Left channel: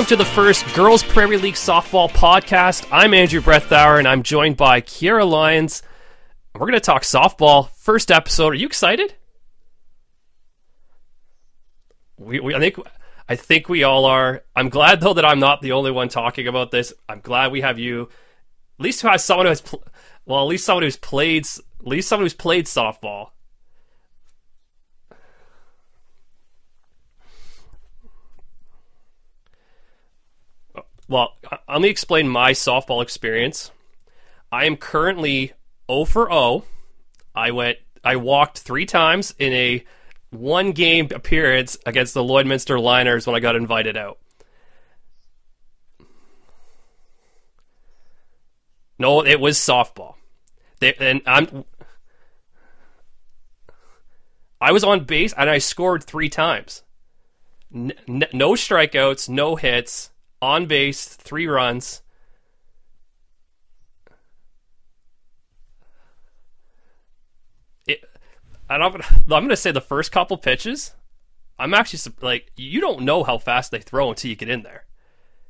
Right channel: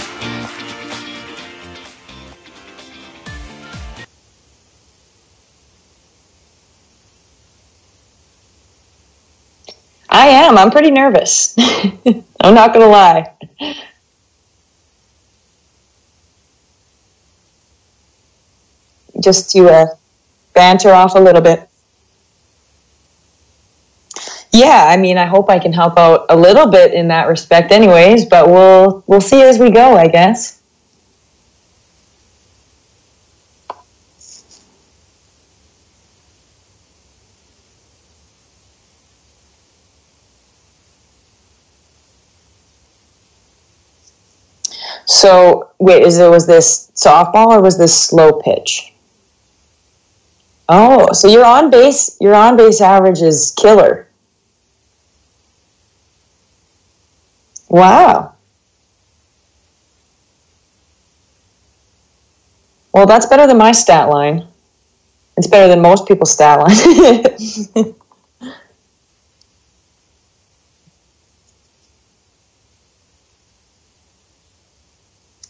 welcome to the first Girls Prairie League Softball Podcast. I'm Andrew Brethauer, and I'm joined by Keira, Lyons. We're going to talk softball. First episode. Are you excited? I am. I'm pretty nervous. I'm not going to lie. I think we all are. I'm glad, though, that I'm not the only one talking about this. I'm glad we have you. At least who has just someone to banter off a little bit. At least someone who's played softball. Yeah, I mean, I hope I can help out a little bit in that respect anyways, but we'll see as we go, I guess. Well, let me explain my softball experience. I am currently 0 for 0. I walked 3 times in a one-game appearance against the Lloydminster Liners when I got invited out. So, wait, was this softball or was this slow pitch? No, it was softball. Oh, and so your on-base average is killer. I was on base, and I scored 3 times. Wow. No strikeouts, no hits, on base, 3 runs. Well, that's better than my stat line. It's better than most people's stat line. And I'm gonna say the first couple pitches, I'm actually you don't know how fast they throw until you get in there.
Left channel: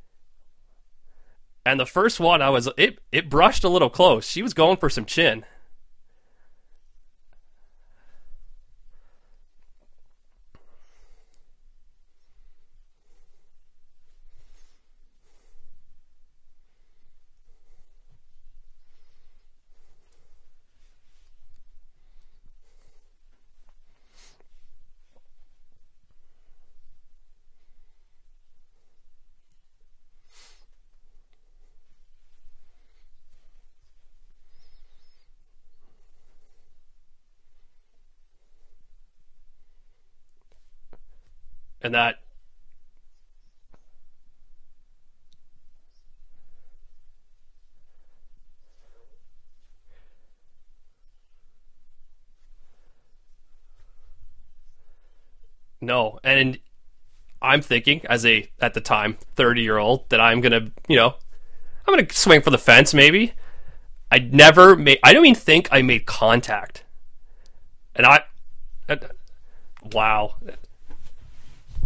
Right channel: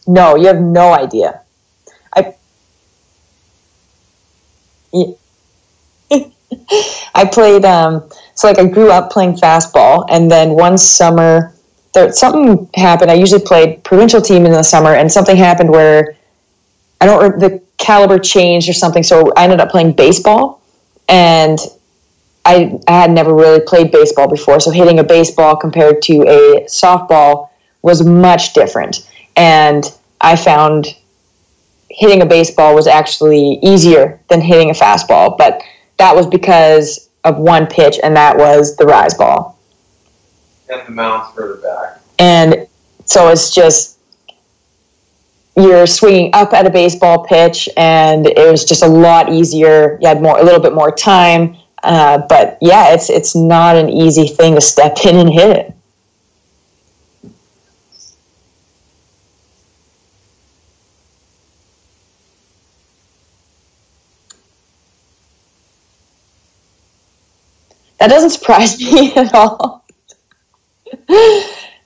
No, you have no idea. And the first one, it brushed a little close. She was going for some chin. I played, I grew up playing fastball, and then one summer, something happened. I usually played provincial team in the summer, and something happened where the caliber changed or something, so I ended up playing baseball, and I had never really played baseball before, so hitting a baseball compared to a softball was much different, and I found hitting a baseball was actually easier than hitting a fastball, but that was because of one pitch, and that was the rise ball. And the mound further back. And so it's just, you're swinging up at a baseball pitch, and it was just a lot easier. You had a little bit more time, but yeah, it's not an easy thing to step in and hit it. No, and I'm thinking as at the time 30-year-old that I'm gonna swing for the fence maybe. I don't even think I made contact. That doesn't surprise me at all. Wow.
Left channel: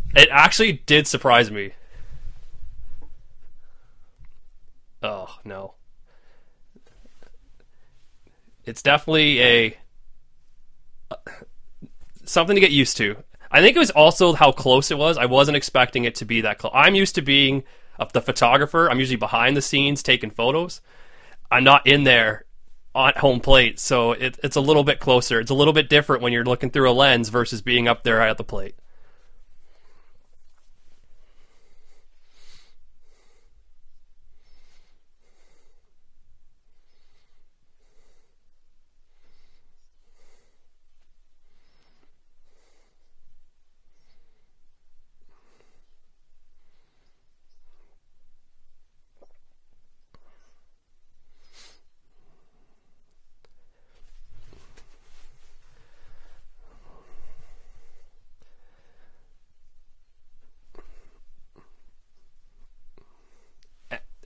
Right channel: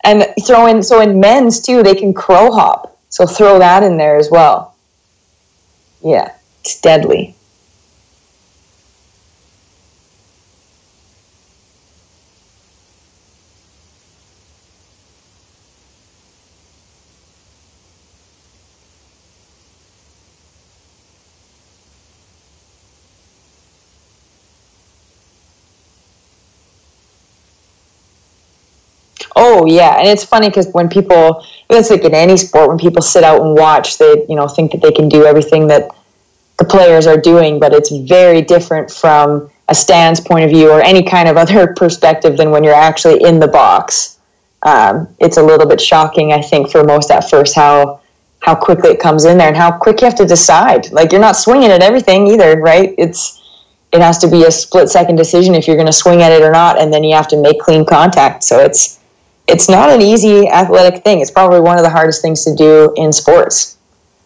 And in men's too, they can crow hop. So throw that in there as well. Oh, no. Yeah, it's deadly. It's definitely something to get used to. I think it was also how close it was. I wasn't expecting it to be that close. I'm used to being the photographer. I'm usually behind the scenes taking photos. I'm not in there on home plate, so it's a little bit closer. It's a little bit different when you're looking through a lens versus being up there at the plate. Oh, yeah, and it's funny because when people, it's like in any sport, when people sit out and watch, they think that they can do everything that the players are doing, but it's very different from a stands point of view or any kind of other perspective than when you're actually in the box. It's a little bit shocking, I think, for most at first how quickly it comes in there and how quick you have to decide. Like, you're not swinging at everything either, right? It has to be a split-second decision if you're going to swing at it or not, and then you have to make clean contact. So it's not an easy athletic thing. It's probably one of the hardest things to do in sports.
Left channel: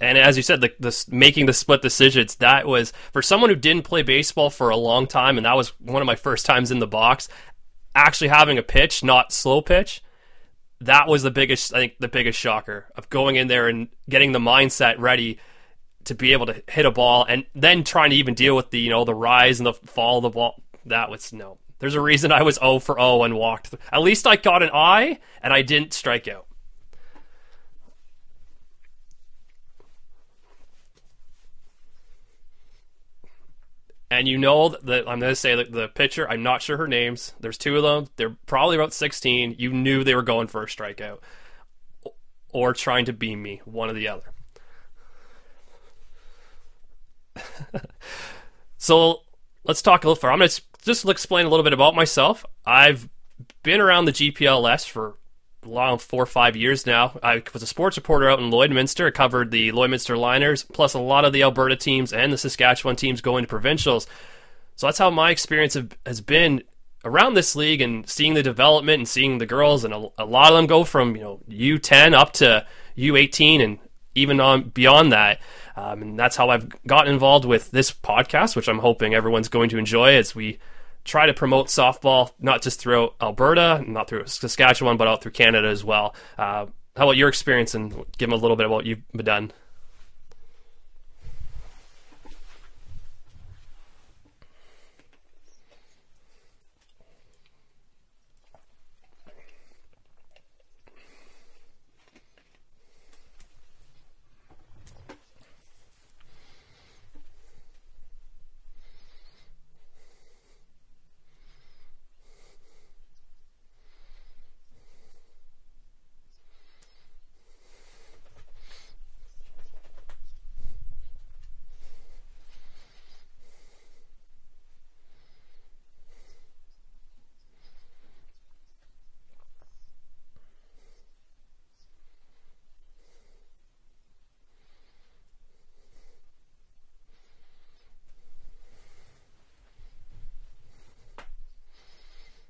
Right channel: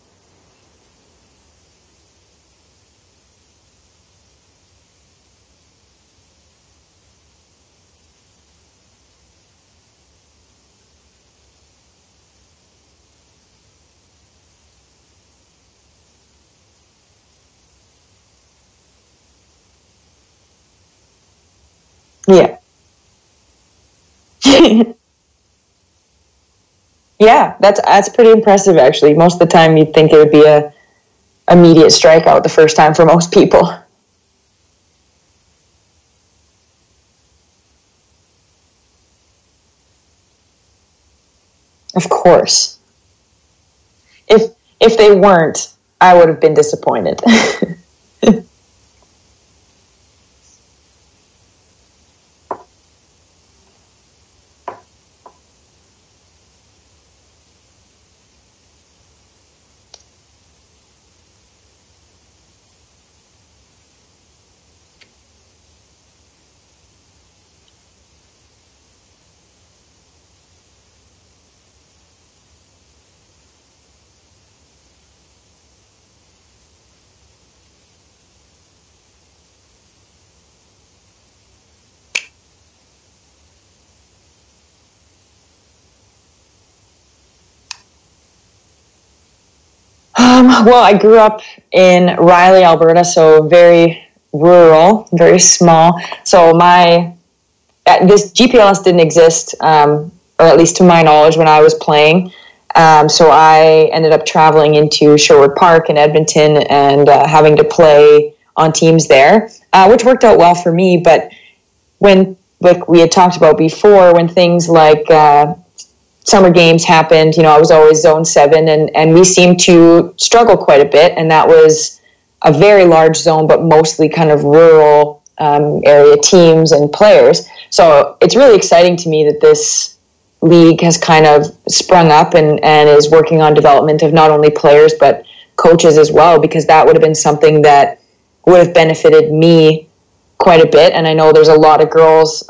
And as you said, making the split decisions, that was, for someone who didn't play baseball for a long time, and that was one of my first times in the box, actually having a pitch, not slow pitch, that was the biggest shocker of going in there and getting the mindset ready to be able to hit a ball, and then trying to even deal with the rise and the fall of the ball. That was no. There's a reason I was 0 for 0 and walked. At least I caught an eye, and I didn't strike out. Yeah, that's pretty impressive, actually. Most of the time, you'd think it would be a immediate strikeout the first time for most people. And that I'm going to say that the pitcher, I'm not sure her names. There's 2 of them. They're probably about 16. You knew they were going for a strikeout. Of course. Or trying to beam me, one or the other. If they weren't, I would have been disappointed. So let's talk a little further. I'm going to just explain a little bit about myself. I've been around the GPLS for long 4 or 5 years now. I was a sports reporter out in Lloydminster. I covered the Lloydminster Liners, plus a lot of the Alberta teams and the Saskatchewan teams going to provincials. So that's how my experience has been around this league and seeing the development and seeing the girls, and a lot of them go from U10 up to U18 and even on beyond that. And that's how I've gotten involved with this podcast, which I'm hoping everyone's going to enjoy as we try to promote softball, not just throughout Alberta, not through Saskatchewan, but out through Canada as well. how about your experience, and give them a little bit of what you've done? Well, I grew up in Riley, Alberta, so very rural, very small. So this GPLS didn't exist, or at least to my knowledge, when I was playing. So I ended up traveling into Sherwood Park in Edmonton and having to play on teams there, which worked out well for me. But when, like we had talked about before, when things like summer games happened, I was always zone 7, and we seemed to struggle quite a bit. And that was a very large zone, but mostly kind of rural area teams and players. So it's really exciting to me that this league has kind of sprung up and is working on development of not only players but coaches as well, because that would have been something that would have benefited me quite a bit. And I know there's a lot of girls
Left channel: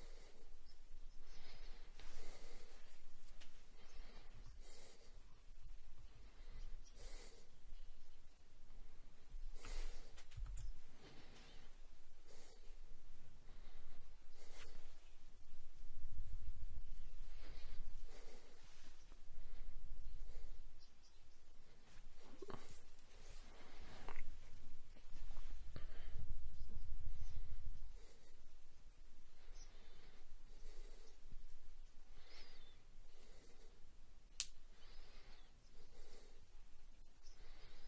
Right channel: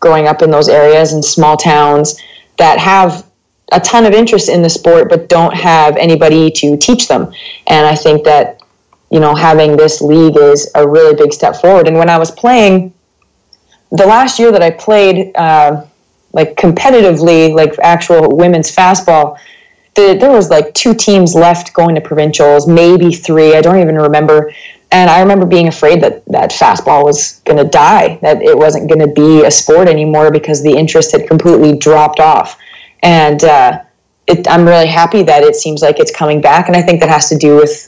growing up in those areas in small towns that have a ton of interest in the sport but don't have anybody to teach them. And I think that, having this league is a really big step forward. And when I was playing, the last year that I played like competitively, like actual women's fastball, there was like 2 teams left going to provincials, maybe 3, I don't even remember. And I remember being afraid that fastball was going to die, that it wasn't going to be a sport anymore because the interest had completely dropped off. And I'm really happy that it seems like it's coming back. And I think that has to do with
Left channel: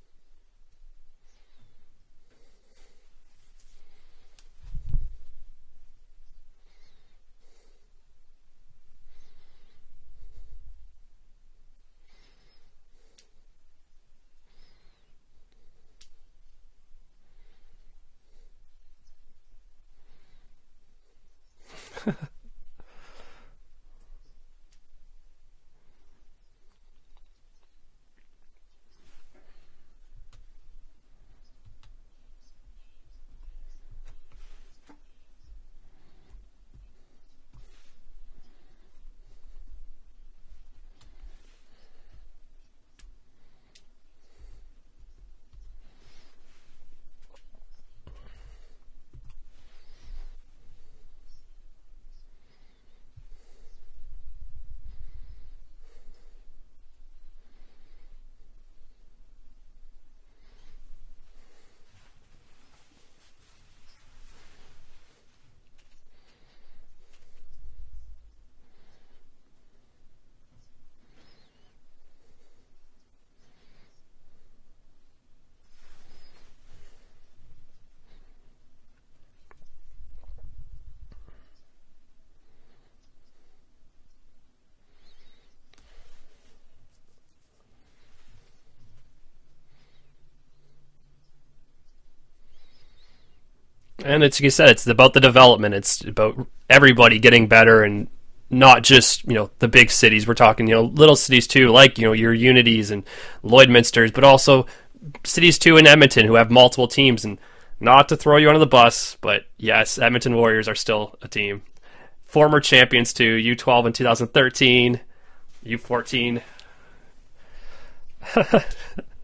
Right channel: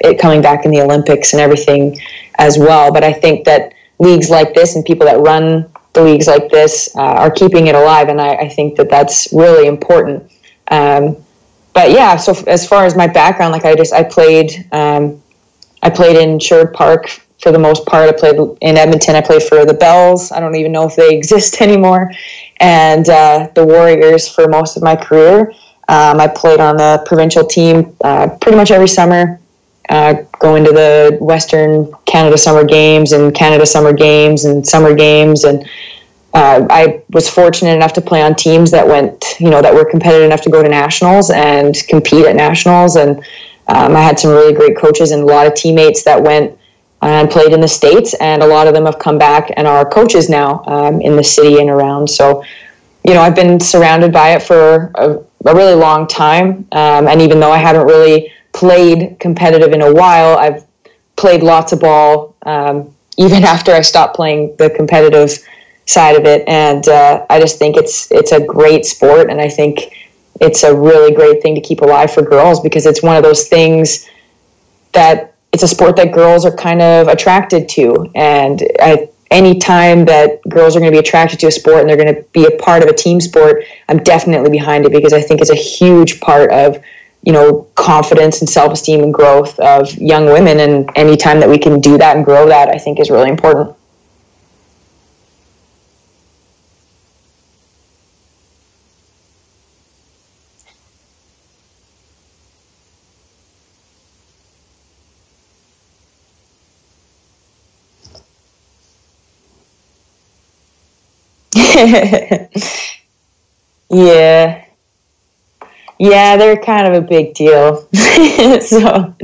it coming back in the Olympics and everything as well. But I think that leagues like this and people that run the leagues like this are keeping it alive. And I think that that's really important. But yeah, so as far as my background, like I played in Sherwood Park for the most part. I played in Edmonton. I played for the Bells. I don't even know if they exist anymore. And the Warriors for most of my career. I played on the provincial team pretty much every summer, going to the Western Canada Summer Games and Canada Summer Games and Summer Games. And I was fortunate enough to play on teams that went, that were competitive enough to go to nationals and compete at nationals. And I had some really great coaches and a lot of teammates that went and played in the States, and a lot of them have come back and are coaches now in the city and around. So, I've been surrounded by it for a really long time. And even though I haven't really played competitive in a while, I've played lots of ball, even after I stopped playing the competitive side of it. And I just think it's a great sport, and I think it's a really great thing to keep alive for girls, because it's one of those things that it's a sport that girls are kind of attracted to. And any time that girls are going to be attracted to a sport and they're going to be a part of a team sport, I'm definitely behind it, because I think it's a huge part of, confidence and self-esteem and growth of young women. And any time that we can do that and grow that, I think is really important. And it's, like you said, it's about the development. It's about everybody getting better, and not just, the big cities. We're talking, little cities too, like, your Unities and Lloydminsters, but also cities too in Edmonton who have multiple teams. And not to throw you under the bus, but yes, Edmonton Warriors are still a team. Former champions too, U12 in 2013. Yeah. U14. Yeah, they're kind of a big deal. So,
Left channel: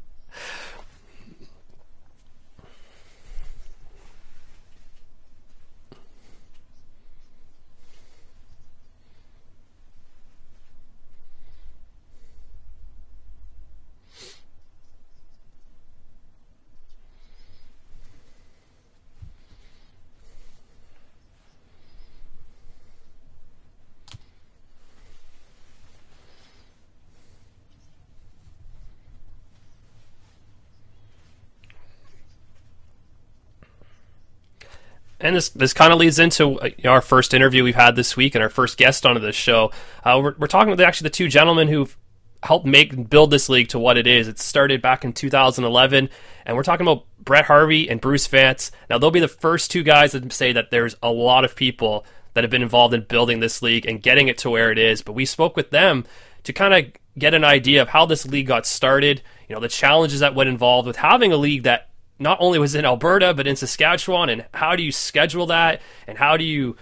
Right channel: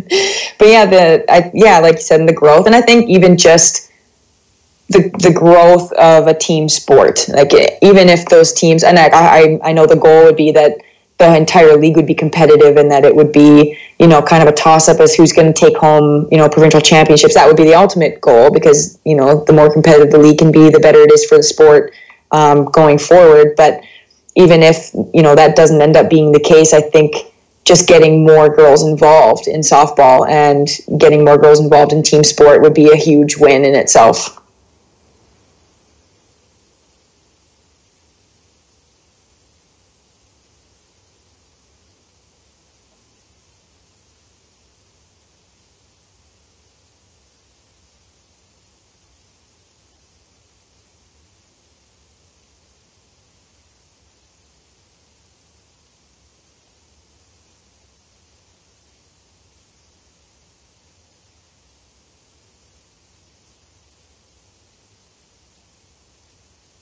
but yeah, like you said, the growth, and I think even just the growth of a team sport. Like, even if those teams, and I know the goal would be that the entire league would be competitive, and that it would be, kind of a toss-up as who's going to take home, provincial championships. That would be the ultimate goal, because, the more competitive the league can be, the better it is for the sport going forward. But even if, that doesn't end up being the case, I think just getting more girls involved in softball and getting more girls involved in team sport would be a huge win in itself. And this kind of leads into our first interview we've had this week, and our first guest onto this show. We're talking with actually the 2 gentlemen who've helped build this league to what it is. It started back in 2011, and we're talking about Brett Harvie and Bruce Vance. Now, they'll be the first 2 guys that say that there's a lot of people that have been involved in building this league and getting it to where it is. But we spoke with them to kind of get an idea of how this league got started, the challenges that went involved with having a league that not only was in Alberta, but in Saskatchewan, and how do you schedule that, and how do you,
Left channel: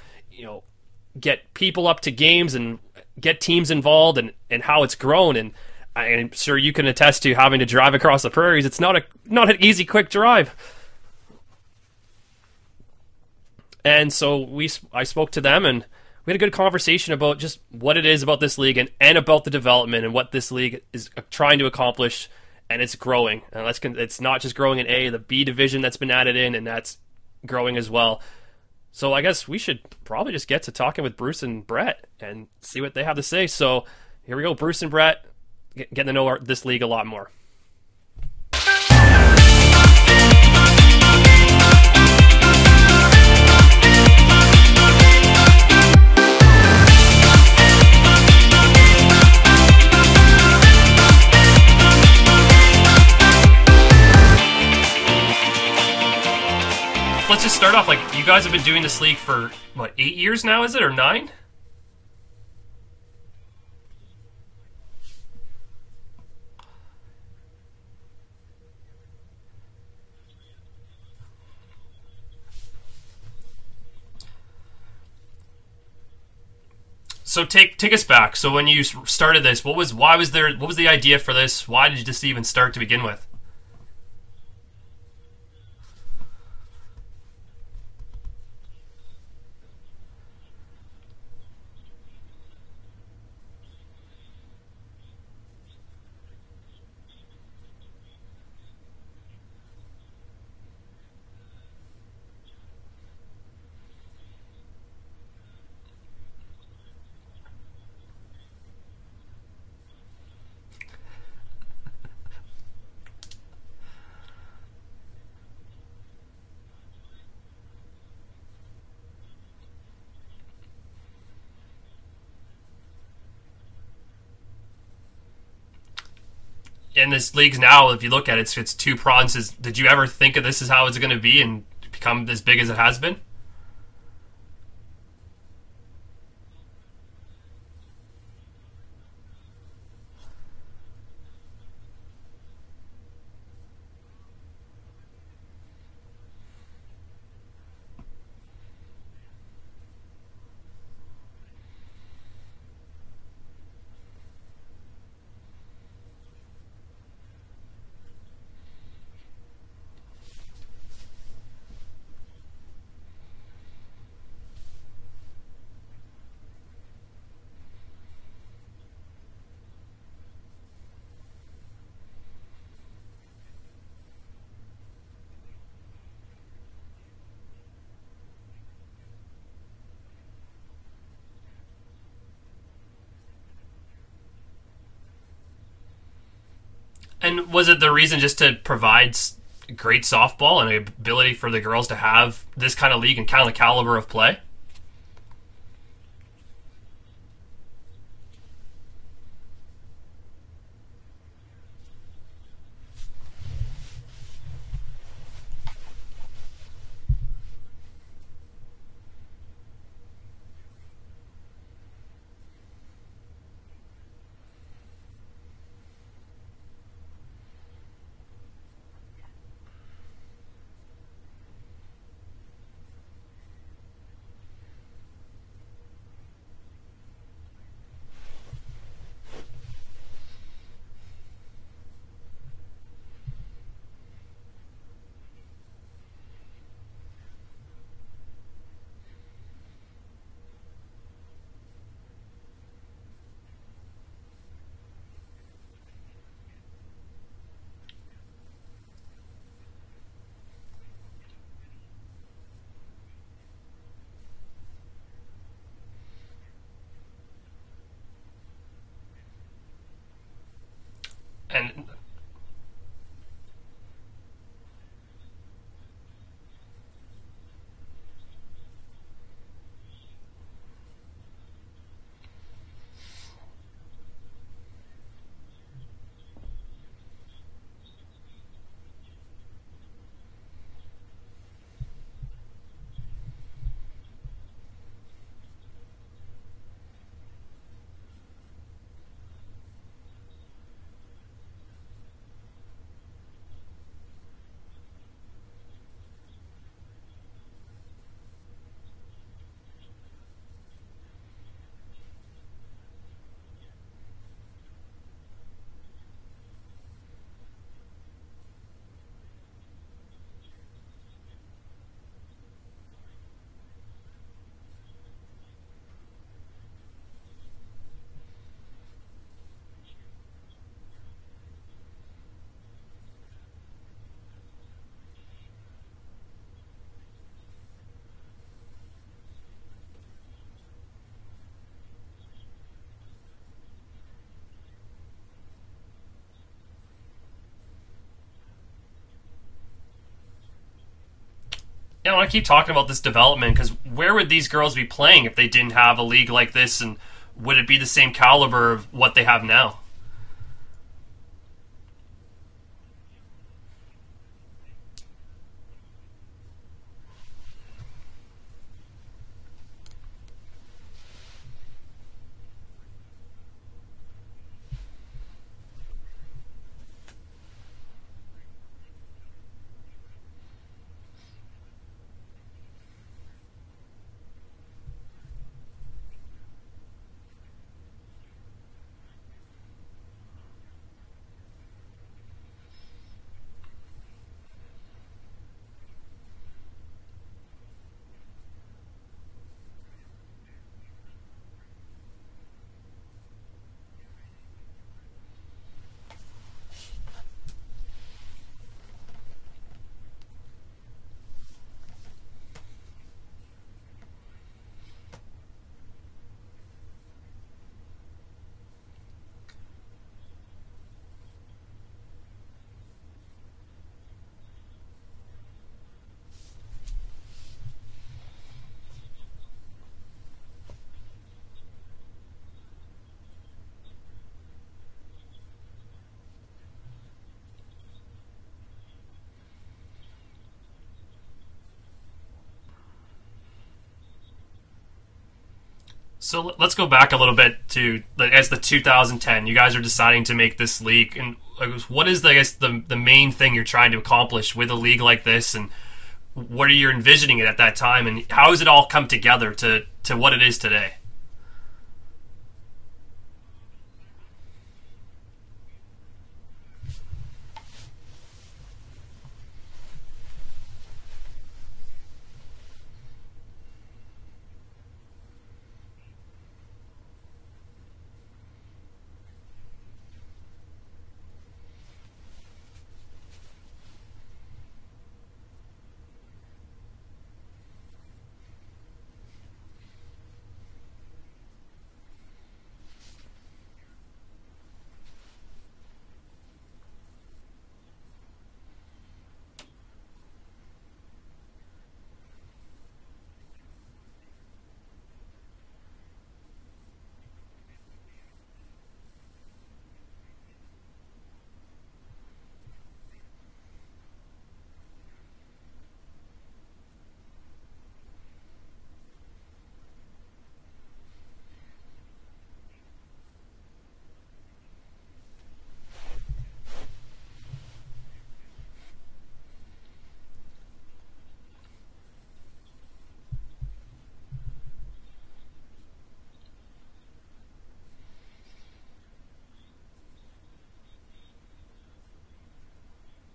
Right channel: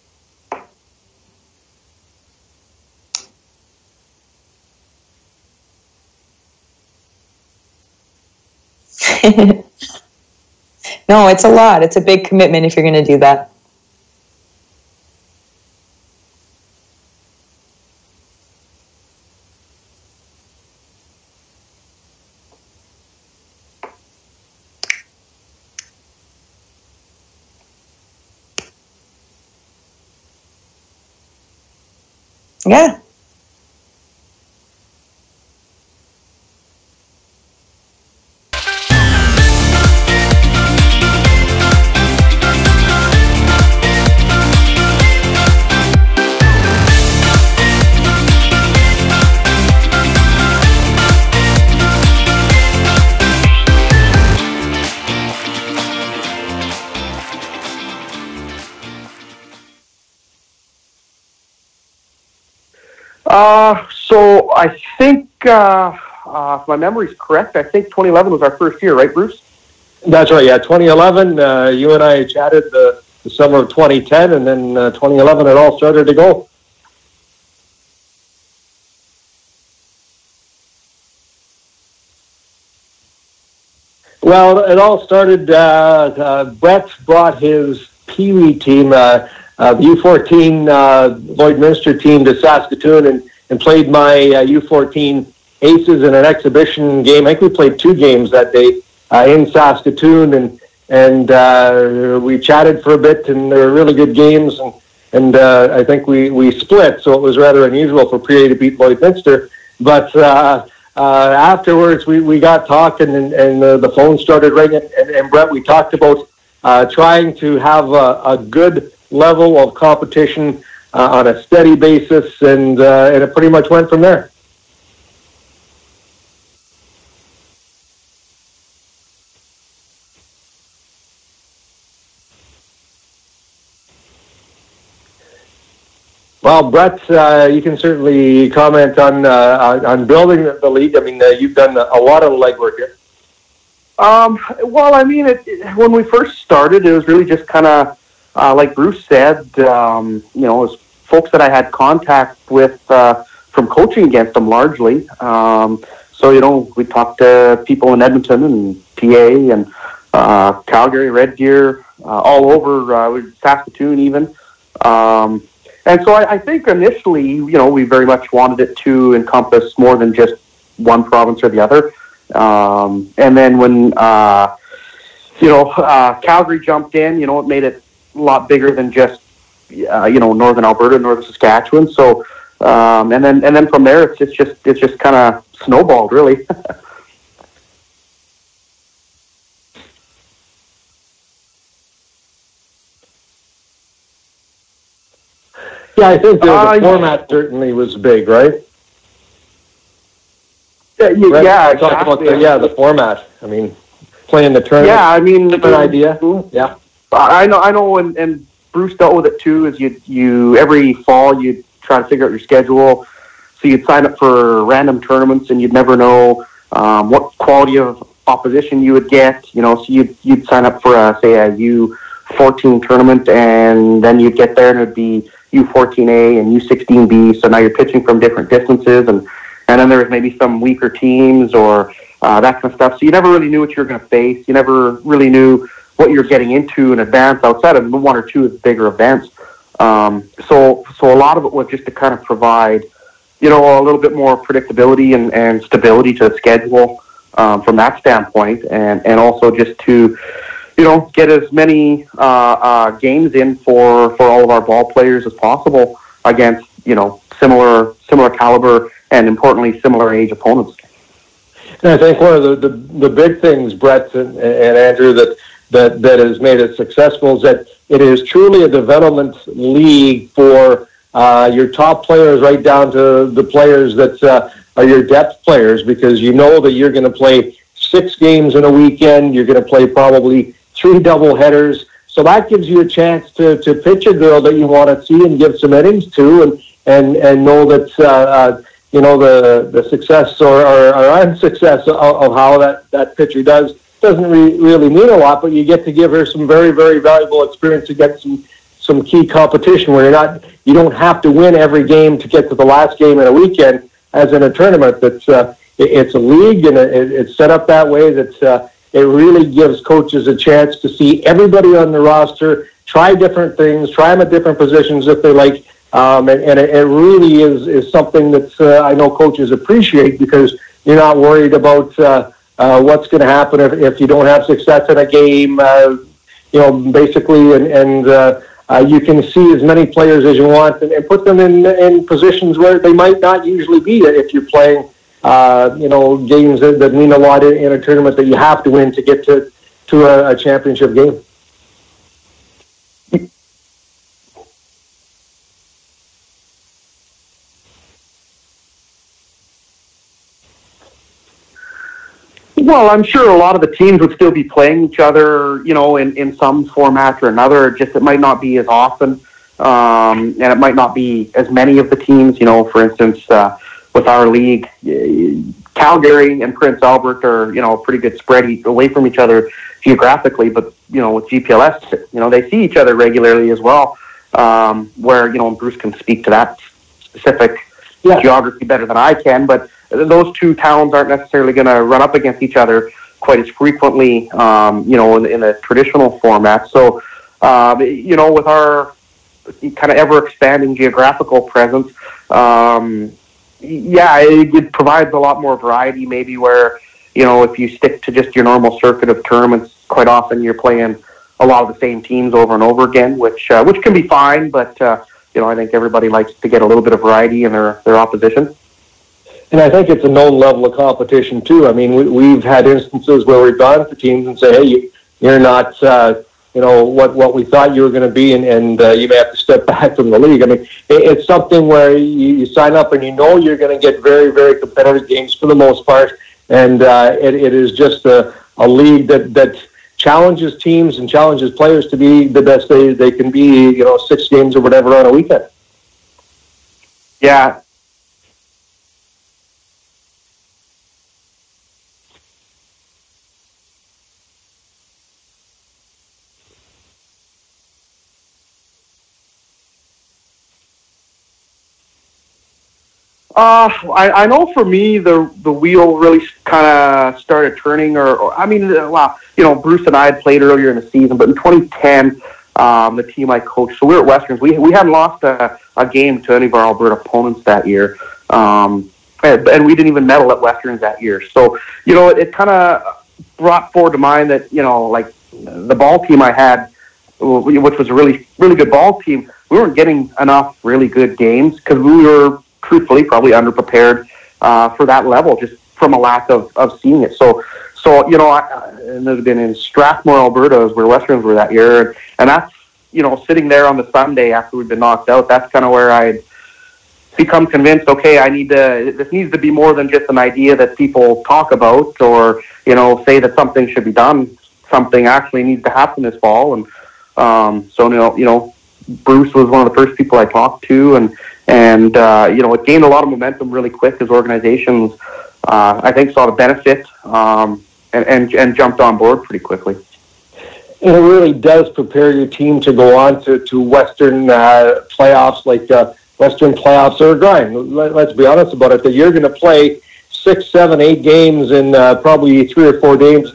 get people up to games and get teams involved, and how it's grown. And I'm sure you can attest to having to drive across the prairies. It's not an easy, quick drive. No, it's a lot. It's a big commitment if you're going to do that. And so I spoke to them, and we had a good conversation about just what it is about this league and about the development and what this league is trying to accomplish, and it's growing. And it's not just growing in A, the B division that's been added in, and that's growing as well. So I guess we should probably just get to talking with Bruce and Brett and see what they have to say. So here we go, Bruce and Brett, getting to know this league a lot more. Let's just start off, like, you guys have been doing this league for, what, 8 years now, is it, or 9? So I think, if my memory's correct, I think 2011 was our first year, right, Bruce? That's right, yeah. 2011, you and I chatted the summer of 2010, and then 2011 it all started to go. So take us back. So when you started this, what was the idea for this? Why did you just even start to begin with? Well, it all started, Brett brought his Pee Wee team, the U14 Lloydminster team, to Saskatoon and played my U14 Aces in an exhibition game. I think we played 2 games that day in Saskatoon, and we chatted for a bit, and they were really good games, and I think we split, so it was rather unusual for Prairie to beat Lloydminster. But afterwards, we got talking, and the phone started ringing, and Brett, we talked about trying to have a good level of competition on a steady basis, and it pretty much went from there. In this league now, if you look at it, it's 2 provinces. Did you ever think of this as how it's going to be and become as big as it has been? Well, Brett, you can certainly comment on building the league. I mean, you've done a lot of legwork here. Well, I mean, when we first started, it was really just kind of, like Bruce said, it was folks that I had contact with from coaching against them largely. So, we talked to people in Edmonton and PA and Calgary, Red Deer, all over, Saskatoon even. And so I think initially, we very much wanted it to encompass more than just one province or the other. And then when, Calgary jumped in, it made it a lot bigger than just, northern Alberta, northern Saskatchewan. So, and then from there, it's just kind of snowballed, really. And was it the reason just to provide great softball and an ability for the girls to have this kind of league and kind of the caliber of play? Yeah, I think the format certainly was big, right? Yeah, talk about the format. I mean, playing the tournament. Yeah, I mean, different idea. Yeah, I know, and Bruce dealt with it too. Is you every fall you try to figure out your schedule, so you'd sign up for random tournaments, and you'd never know what quality of opposition you would get. So you'd sign up for a U14 tournament, and then you'd get there, and it'd be U14A and U16B. So now you're pitching from different distances, and then there was maybe some weaker teams or that kind of stuff. So you never really knew what you were going to face. You never really knew what you were getting into in advance outside of 1 or 2 bigger events. So a lot of it was just to kind of provide, a little bit more predictability and stability to the schedule from that standpoint, and also just to, get as many games in for all of our ball players as possible against, similar caliber and importantly similar age opponents. And I think one of the big things, Brett and Andrew, that has made it successful is that it is truly a development league for your top players right down to the players that are your depth players, because you know that you're going to play 6 games in a weekend. You're going to play probably 3 double headers. So that gives you a chance to pitch a girl that you want to see and give some innings to, and know that the success or unsuccess of how that pitcher doesn't really mean a lot, but you get to give her some very, very valuable experience to get some key competition where you don't have to win every game to get to the last game in a weekend, as in a tournament. It's a league, and it's set up that way that it really gives coaches a chance to see everybody on the roster, try different things, try them at different positions if they like, And it really is something that I know coaches appreciate, because you're not worried about what's going to happen if you don't have success in a game, basically, and you can see as many players as you want and put them in positions where they might not usually be if you're playing, games that mean a lot in a tournament that you have to win to get to a championship game. Yeah, I want to keep talking about this development, because where would these girls be playing if they didn't have a league like this, and would it be the same caliber of what they have now? Well, I'm sure a lot of the teams would still be playing each other, in some format or another. Just it might not be as often, and it might not be as many of the teams. For instance, with our league, Calgary and Prince Albert are, a pretty good spread away from each other geographically. But, with GPLS, they see each other regularly as well, where, Bruce can speak to that specific geography better than I can. But those two towns aren't necessarily going to run up against each other quite as frequently, in a traditional format. So, with our kind of ever-expanding geographical presence, it provides a lot more variety, maybe, where, if you stick to just your normal circuit of tournaments, quite often you're playing a lot of the same teams over and over again, which can be fine, but, I think everybody likes to get a little bit of variety in their opposition. And I think it's a known level of competition, too. I mean, we've had instances where we've gone to teams and say, hey, you're not, what we thought you were going to be, and you may have to step back from the league. I mean, it's something where you sign up and you're going to get very, very competitive games for the most part. And it is just a league that challenges teams and challenges players to be the best they can be, 6 games or whatever on a weekend. So let's go back a little bit to, as the 2010. You guys are deciding to make this league, and what is, the main thing you're trying to accomplish with a league like this, and what are you envisioning it at that time, and how has it all come together to what it is today? I know for me the wheel really kind of started turning, Bruce and I had played earlier in the season, but in 2010. The team I coached, so we were at Westerns. We hadn't lost a game to any of our Alberta opponents that year, and we didn't even medal at Westerns that year. So, it kind of brought forward to mind that, the ball team I had, which was a really, really good ball team, we weren't getting enough really good games because we were, truthfully, probably underprepared for that level, just from a lack of seeing it. So and it had been in Strathmore, Alberta, where Westerns were that year, and that's, sitting there on the Sunday after we'd been knocked out, that's kind of where I'd become convinced, okay, this needs to be more than just an idea that people talk about or, say that something should be done. Something actually needs to happen this fall. And Bruce was one of the first people I talked to, and it gained a lot of momentum really quick as organizations, I think, saw the benefit and jumped on board pretty quickly. And it really does prepare your team to go on to Western playoffs, like Western playoffs are a grind. Let's be honest about it, that you're going to play 6, 7, 8 games in probably 3 or 4 days,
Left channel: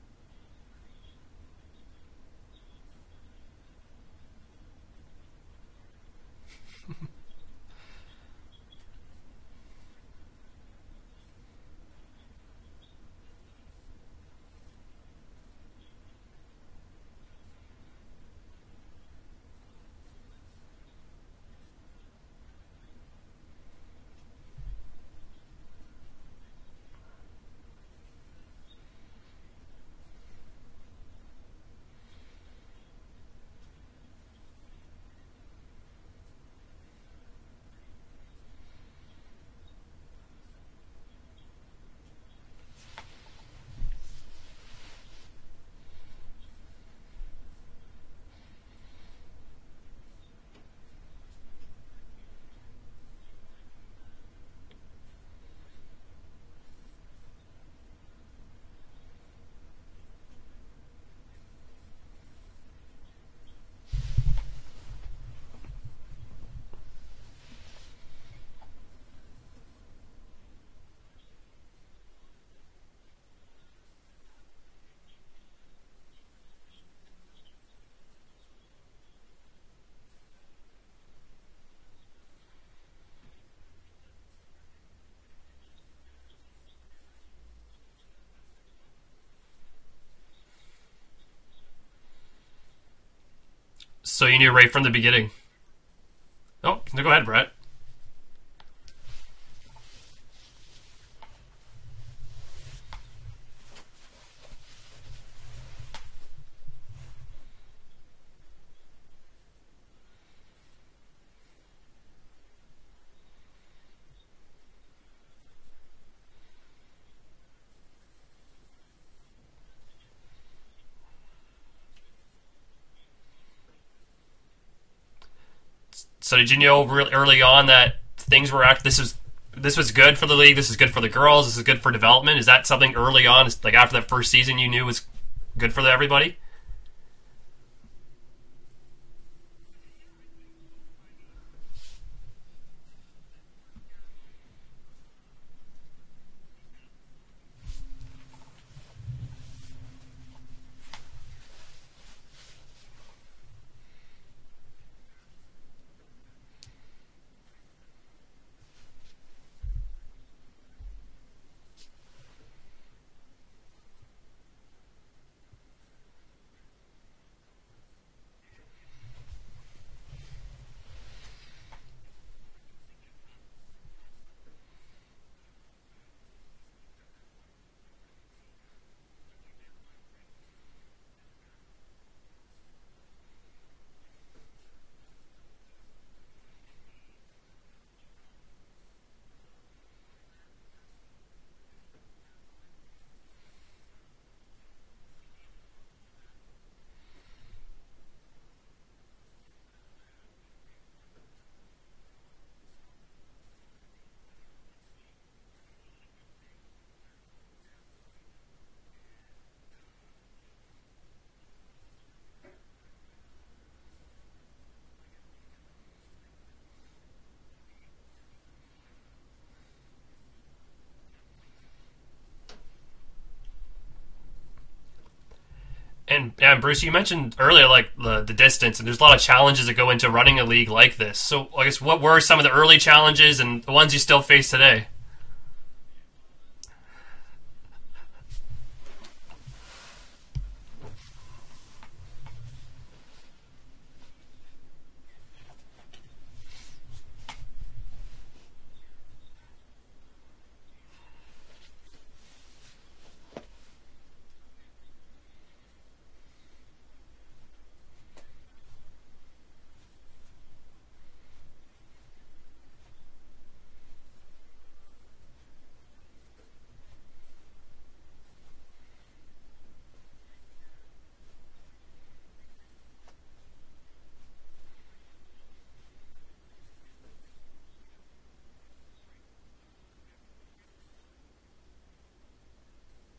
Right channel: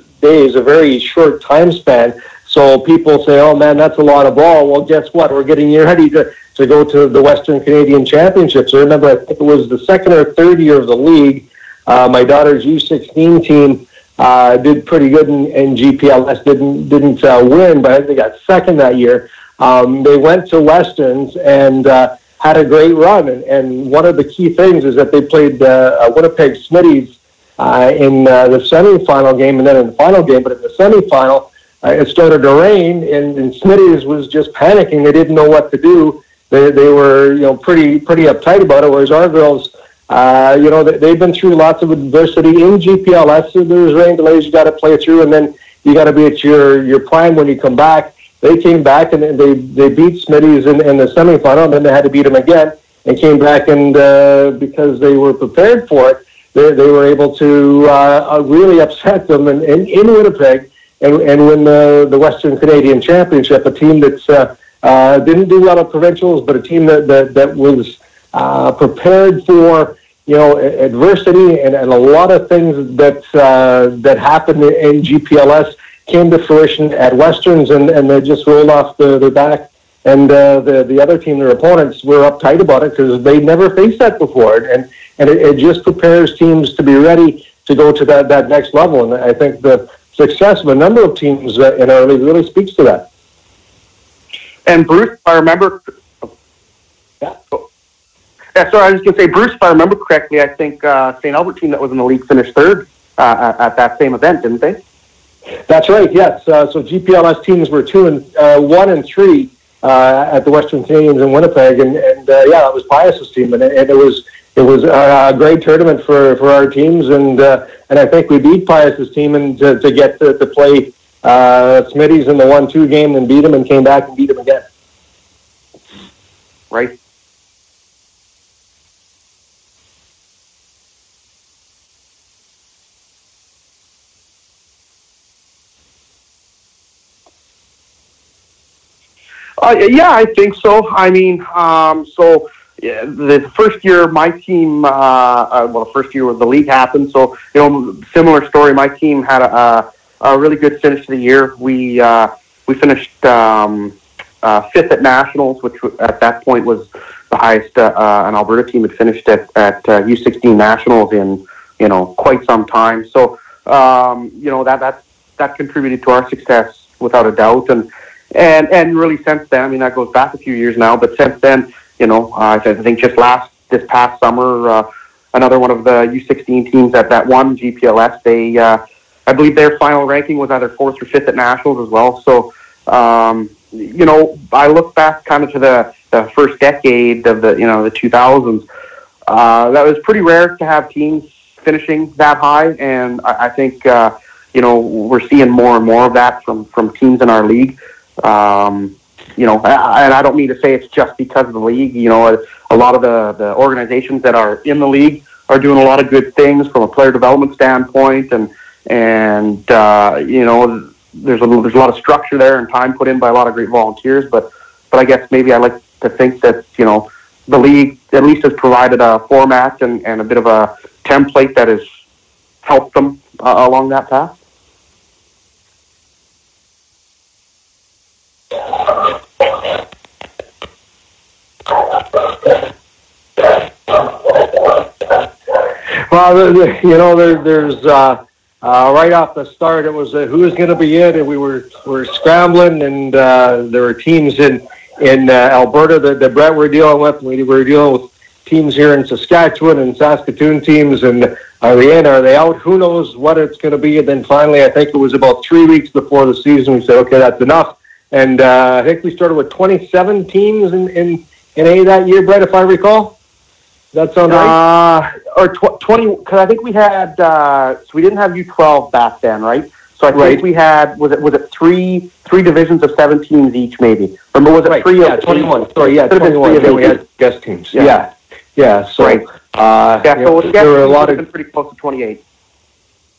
a very short time span. So people say, oh, man, that's a lot of ball. Well, guess what? We're getting you ready to go to the Western Canadian Championships. I remember, I think it was the second or third year of the league, my daughter's U16 team did pretty good in GPLS, didn't win, but I think they got second that year. They went to Westerns and had a great run. And one of the key things is that they played Winnipeg Smitties in the semifinal game and then in the final game. But in the semifinal, it started to rain, and Smitties was just panicking. They didn't know what to do. They were pretty uptight about it, whereas our girls, they've been through lots of adversity in GPLS. So there's rain delays you got to play through, and then you got to be at your prime when you come back. They came back and they beat Smitties in the semifinal, and then they had to beat them again and came back, and because they were prepared for it, they were able to really upset them in Winnipeg and win the Western Canadian Championship, a team that didn't do well at provincials, but a team that was prepared for adversity, and a lot of things that happened in GPLS came to fruition at Westerns, and they just rolled off their back the other team, their opponents, were uptight about it because they never faced that before, and it just prepares teams to be ready to go to that next level. And I think the success of a number of teams in our league really speaks to that. So you knew right from the beginning. I remember. Oh, no, go ahead, Brett. Yeah, sorry, I was just going to say, Bruce, if I remember correctly, I think St. Albert team that was in the league finished third at that same event, didn't they? That's right. Yes. So GPLS teams were 1 and 3 at the Western Canadians in Winnipeg, and that was Pius's team, and it was a great tournament for our teams, and I think we beat Pius's team and to get to play Smitty's in the 1-2 game, and beat him, and came back and beat him again. So did you know really early on that things were this was good for the league, this is good for the girls, this is good for development? Is that something early on, like after that first season, you knew was good for everybody? Yeah, I think so. I mean, the first year my team, the first year the league happened, so, similar story. My team had a really good finish to the year. We finished 5th at Nationals, which at that point was the highest an Alberta team had finished at U16 Nationals in, quite some time. So, that contributed to our success without a doubt. And really since then, I mean, that goes back a few years now, but since then, I think just this past summer, another one of the U16 teams that won GPLS, I believe their final ranking was either 4th or 5th at Nationals as well. So, I look back kind of to the first decade of the 2000s. That was pretty rare to have teams finishing that high, and I think, we're seeing more and more of that from teams in our league. And I don't mean to say it's just because of the league. A lot of the organizations that are in the league are doing a lot of good things from a player development standpoint, and there's a lot of structure there and time put in by a lot of great volunteers. But I guess maybe I like to think that the league at least has provided a format and a bit of a template that has helped them along that path. And Bruce, you mentioned earlier, like the distance, and there's a lot of challenges that go into running a league like this. So, I guess what were some of the early challenges and the ones you still face today? Well, there's right off the start, it was who was going to be it, and we were scrambling, and there were teams in Alberta that Brett were dealing with. We were dealing with teams here in Saskatchewan and Saskatoon teams, and are they in, are they out? Who knows what it's going to be? And then finally, I think it was about 3 weeks before the season, we said, okay, that's enough. And I think we started with 27 teams in A that year, Brett, if I recall. Does that sound right? Or 20, because I think we had, so we didn't have U12 back then, right? So I think we had, was it three divisions of 7 teams each, maybe? Or was it 3 of 21. Sorry, 21. Then we had guest teams. Yeah. So, right. So there were a lot of pretty close to 28.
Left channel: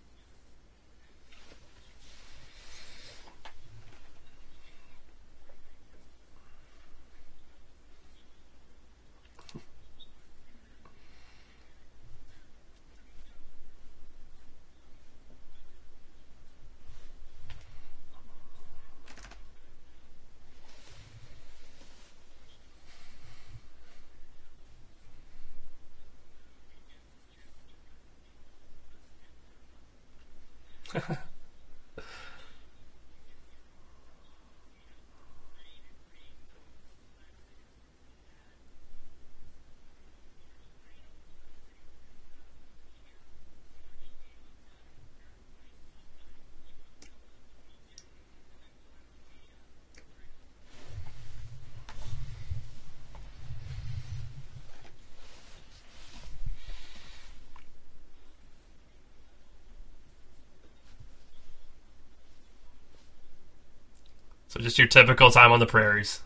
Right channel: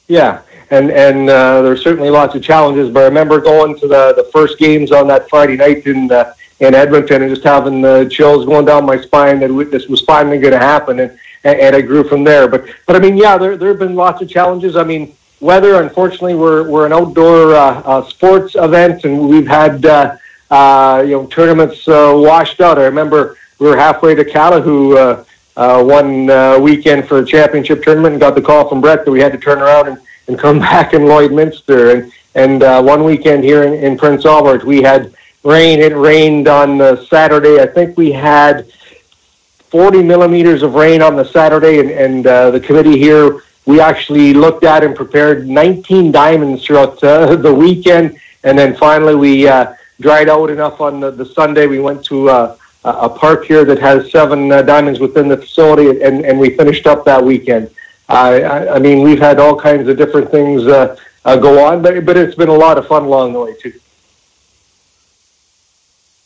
Yeah, and there's certainly lots of challenges. But I remember going to the first games on that Friday night in Edmonton and just having the chills going down my spine that this was finally going to happen, and it grew from there. But I mean, yeah, there have been lots of challenges. I mean, weather. Unfortunately, we're an outdoor sports event, and we've had tournaments washed out. I remember we were halfway to Calahoo one weekend for the championship tournament, and got the call from Brett that we had to turn around and come back in Lloydminster. And one weekend here in Prince Albert, we had rain. It rained on Saturday. I think we had 40 millimeters of rain on the Saturday, and the committee here, we actually looked at and prepared 19 diamonds throughout the weekend, and then finally we dried out enough on the Sunday. We went to a park here that has 7 diamonds within the facility, and we finished up that weekend. I mean, we've had all kinds of different things go on, but it's been a lot of fun along the way, too. So just your typical time on the prairies.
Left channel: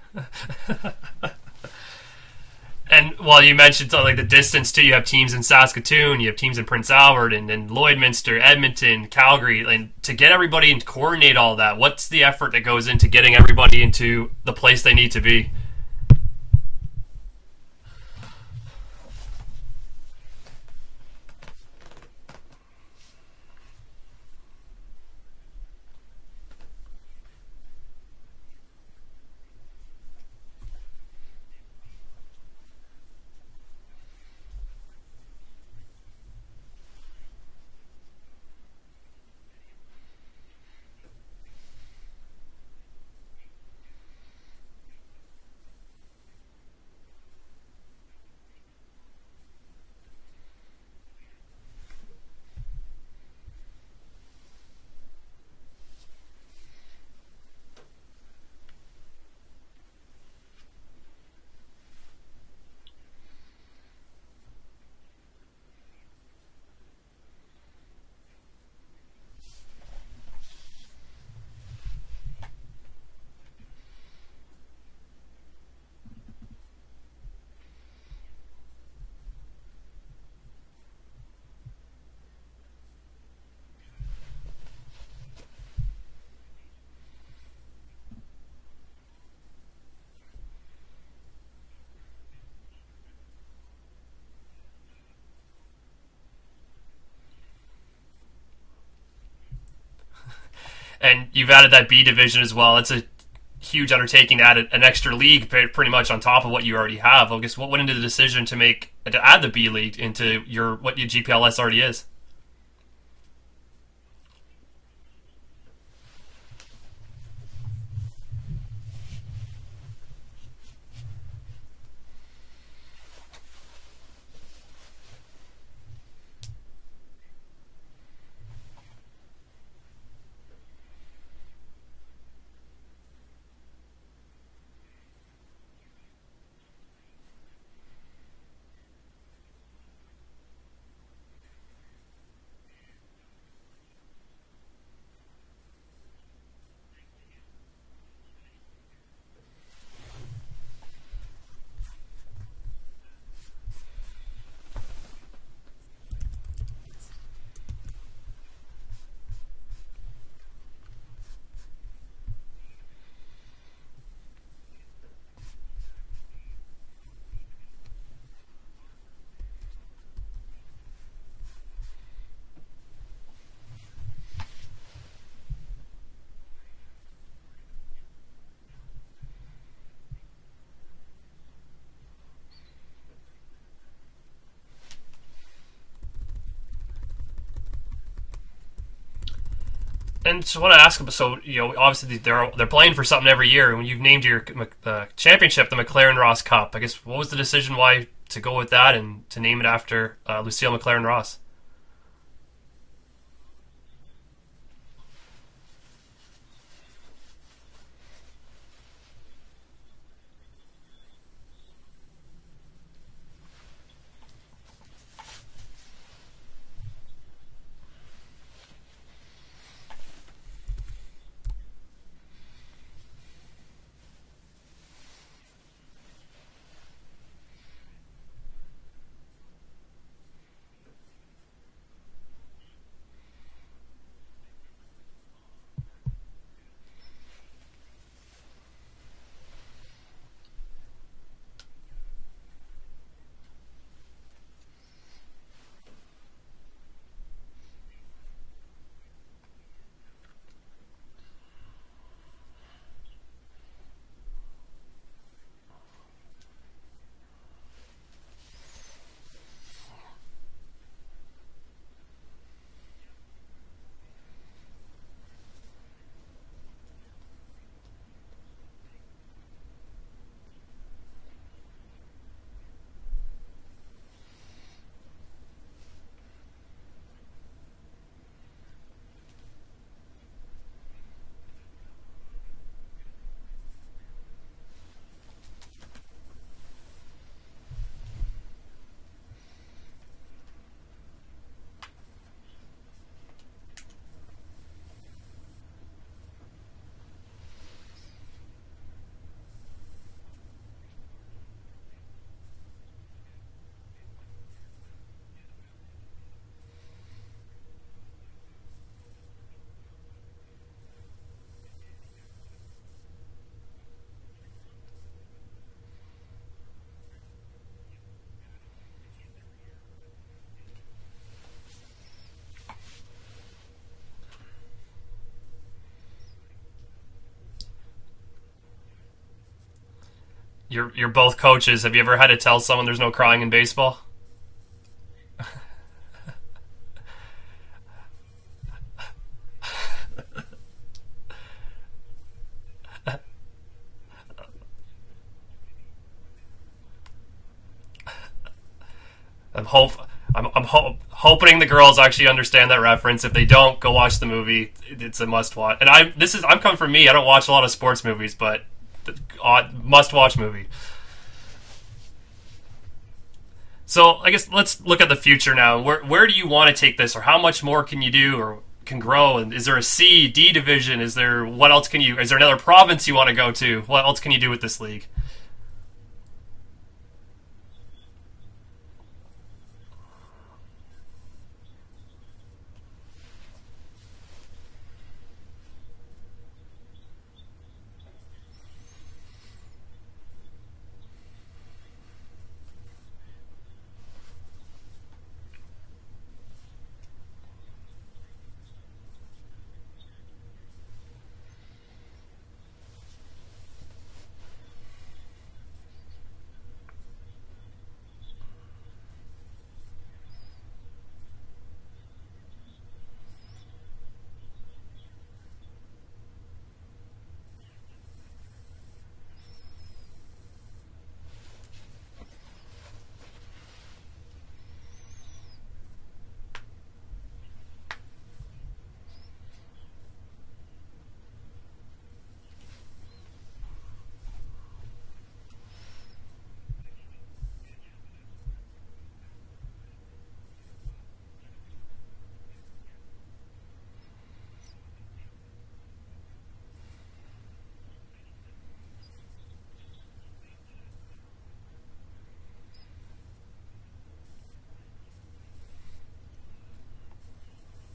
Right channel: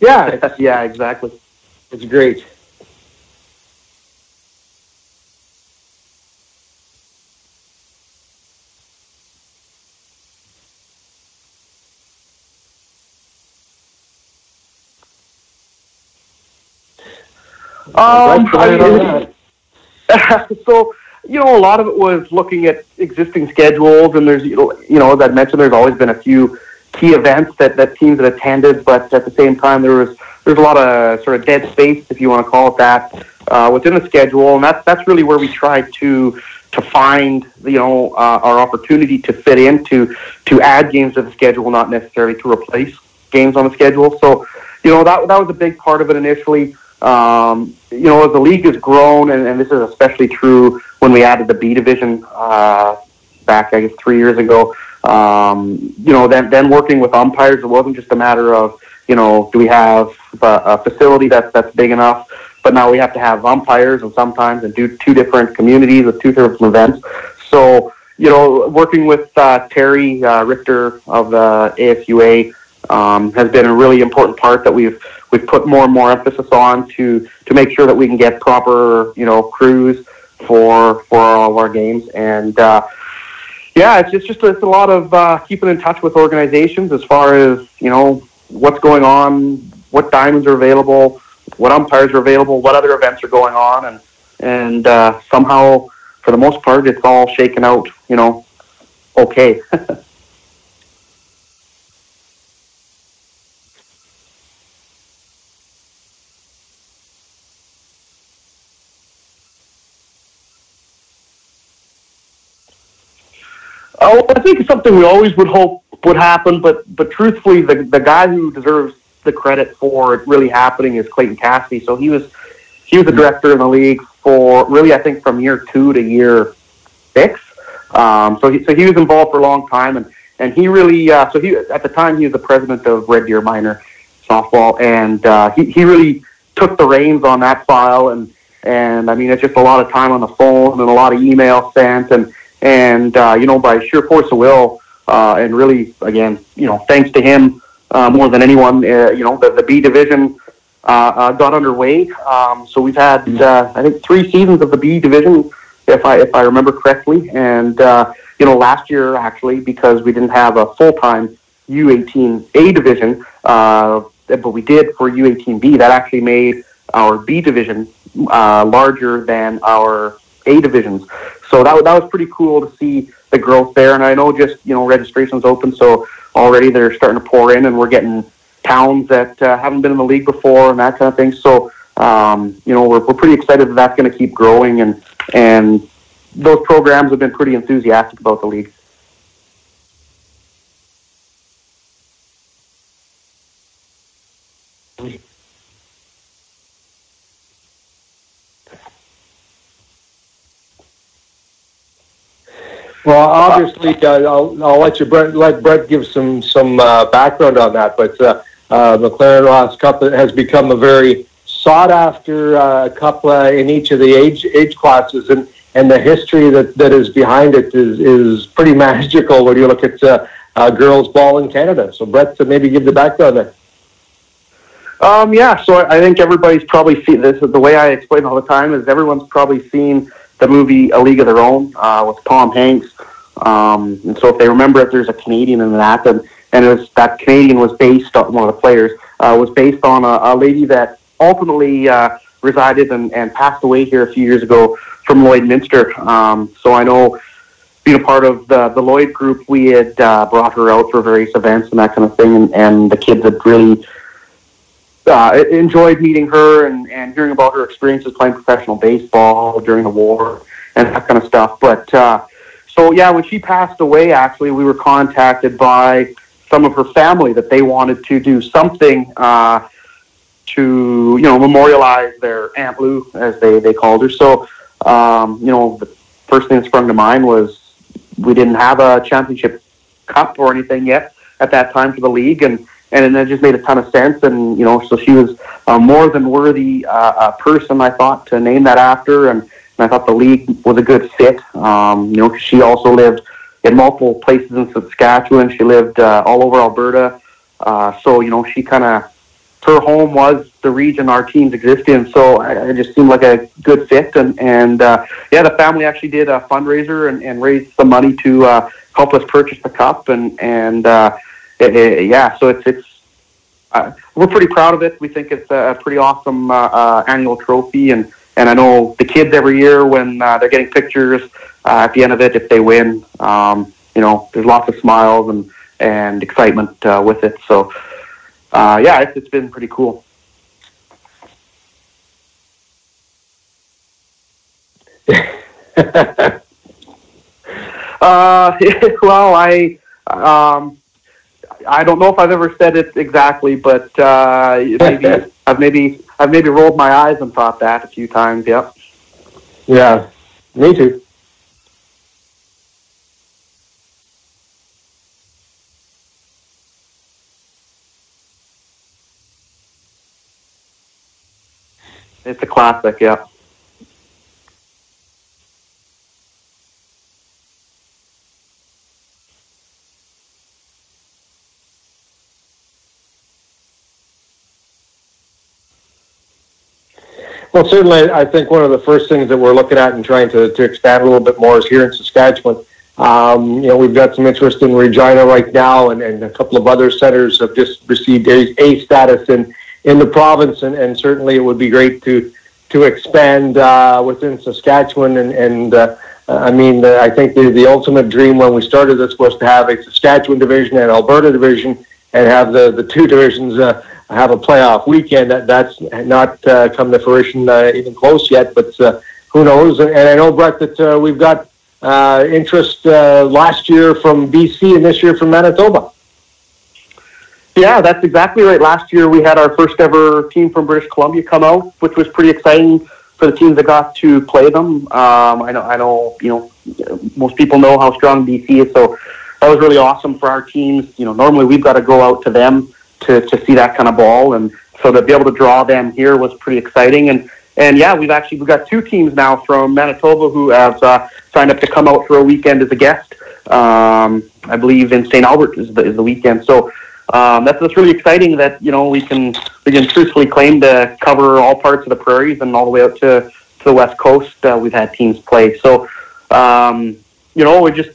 Yeah. Yeah, exactly. It's great. And you mentioned like the distance too. You have teams in Saskatoon, you have teams in Prince Albert, and Lloydminster, Edmonton, Calgary. And to get everybody and coordinate all that, what's the effort that goes into getting everybody into the place they need to be? So a lot of it was looking at existing schedules, and there's as I mentioned, there's always been a few key events that teams had attended, but at the same time there's a lot of sort of dead space, if you want to call it that, within the schedule, and that's really where we tried to find our opportunity to fit in to add games to the schedule, not necessarily to replace games on the schedule. So that was a big part of it initially. As the league has grown, and this is especially true when we added the B division back, I guess, 3 years ago. Then working with umpires, it wasn't just a matter of do we have a facility that's big enough, but now we have to have umpires, and sometimes and do two different communities with two different events. So working with Terry Richter of the ASUA has been a really important part that we've put more and more emphasis on to make sure that we can get proper crews for all of our games. And it's a lot of keeping in touch with organizations as far as what's going on, what diamonds are available, what umpires are available, what other events are going on, and somehow for the most part it's all shaken out okay. And you've added that B division as well. It's a huge undertaking to add an extra league pretty much on top of what you already have. I guess what went into the decision to add the B league into what your GPLS already is? Oh, I think it's something we always would hope would happen, but truthfully, the guy who deserves the credit for it really happening is Clayton Cassidy. So he was the director in the league for really, I think, from year 2 to year 6. So he was involved for a long time, and he really at the time he was the president of Red Deer Minor softball, and he really took the reins on that file, and I mean it's just a lot of time on the phone and a lot of email sent, and by sheer force of will, and really again thanks to him more than anyone, the B division got underway. So we've had I think 3 seasons of the B division, if I remember correctly, and last year actually, because we didn't have a full-time U18A division, but we did for U18B, that actually made our B division larger than our A divisions. So that was pretty cool to see the growth there. And I know just registration's open, so already they're starting to pour in, and we're getting towns that haven't been in the league before and that kind of thing. So we're pretty excited that that's going to keep growing, and those programs have been pretty enthusiastic about the league. And so I want to ask them, so obviously they're playing for something every year, and when you've named your championship the McLaren Ross Cup, I guess what was the decision why to go with that and to name it after Lucille McLaren Ross? Well, obviously, I'll let Brett give some background on that, but McLaren Ross Cup has become a very sought after cup in each of the age classes, and the history that is behind it is pretty magical when you look at girls ball in Canada. So Brett, maybe give the background there. So I think everybody's probably seen this. The way I explain all the time is everyone's probably seen the movie A League of Their Own with Tom Hanks. And so if they remember it, there's a Canadian in that, and that Canadian was based on one of the players was based on a lady that ultimately resided and passed away here a few years ago from Lloydminster. So I know, being a part of the Lloyd group, we had brought her out for various events and that kind of thing, and the kids had really enjoyed meeting her and hearing about her experiences playing professional baseball during the war and that kind of stuff. But when she passed away, actually, we were contacted by some of her family that they wanted to do something to memorialize their Aunt Lou, as they called her. So the first thing that sprung to mind was we didn't have a championship cup or anything yet at that time for the league, and it just made a ton of sense. And so she was a more than worthy person, I thought, to name that after, and I thought the league was a good fit. Cause she also lived in multiple places in Saskatchewan. She lived all over Alberta. So she kind of, her home was the region our teams exist in. So it just seemed like a good fit. And the family actually did a fundraiser and raised some money to help us purchase the cup. So it's we're pretty proud of it. We think it's a pretty awesome annual trophy, and I know the kids every year when they're getting pictures at the end of it, if they win, there's lots of smiles and excitement with it. So, it's been pretty cool. You're both coaches. Have you ever had to tell someone there's no crying in baseball? Well, I don't know if I've ever said it exactly, but maybe I've maybe rolled my eyes and thought that a few times. Yep. I'm hoping the girls actually understand that reference. If they don't, go watch the movie. It's a must watch. And I'm coming from me. I don't watch a lot of sports movies, but must watch movie. It's a classic, yeah. So I guess let's look at the future now. Where do you want to take this, or how much more can you do, or can grow? And is there a C, D division? Is there another province you want to go to? What else can you do with this league? Well, certainly, I think one of the first things that we're looking at and trying to expand a little bit more is here in Saskatchewan. We've got some interest in Regina right now, and a couple of other centers have just received A status in the province, and certainly it would be great to expand within Saskatchewan. I think the ultimate dream when we started this was to have a Saskatchewan division and Alberta division, and have the two divisions have a playoff weekend. That's not come to fruition even close yet, but who knows? And I know, Brett, that we've got interest last year from BC and this year from Manitoba. Yeah, that's exactly right. Last year we had our first ever team from British Columbia come out, which was pretty exciting for the teams that got to play them. I know, most people know how strong BC is, so that was really awesome for our teams. Normally we've got to go out to them to see that kind of ball, and so to be able to draw them here was pretty exciting. And we've got two teams now from Manitoba who have signed up to come out for a weekend as a guest. I believe in St. Albert is the weekend. So that's really exciting that we can truthfully claim to cover all parts of the prairies and all the way out to the West Coast. We've had teams play. So we just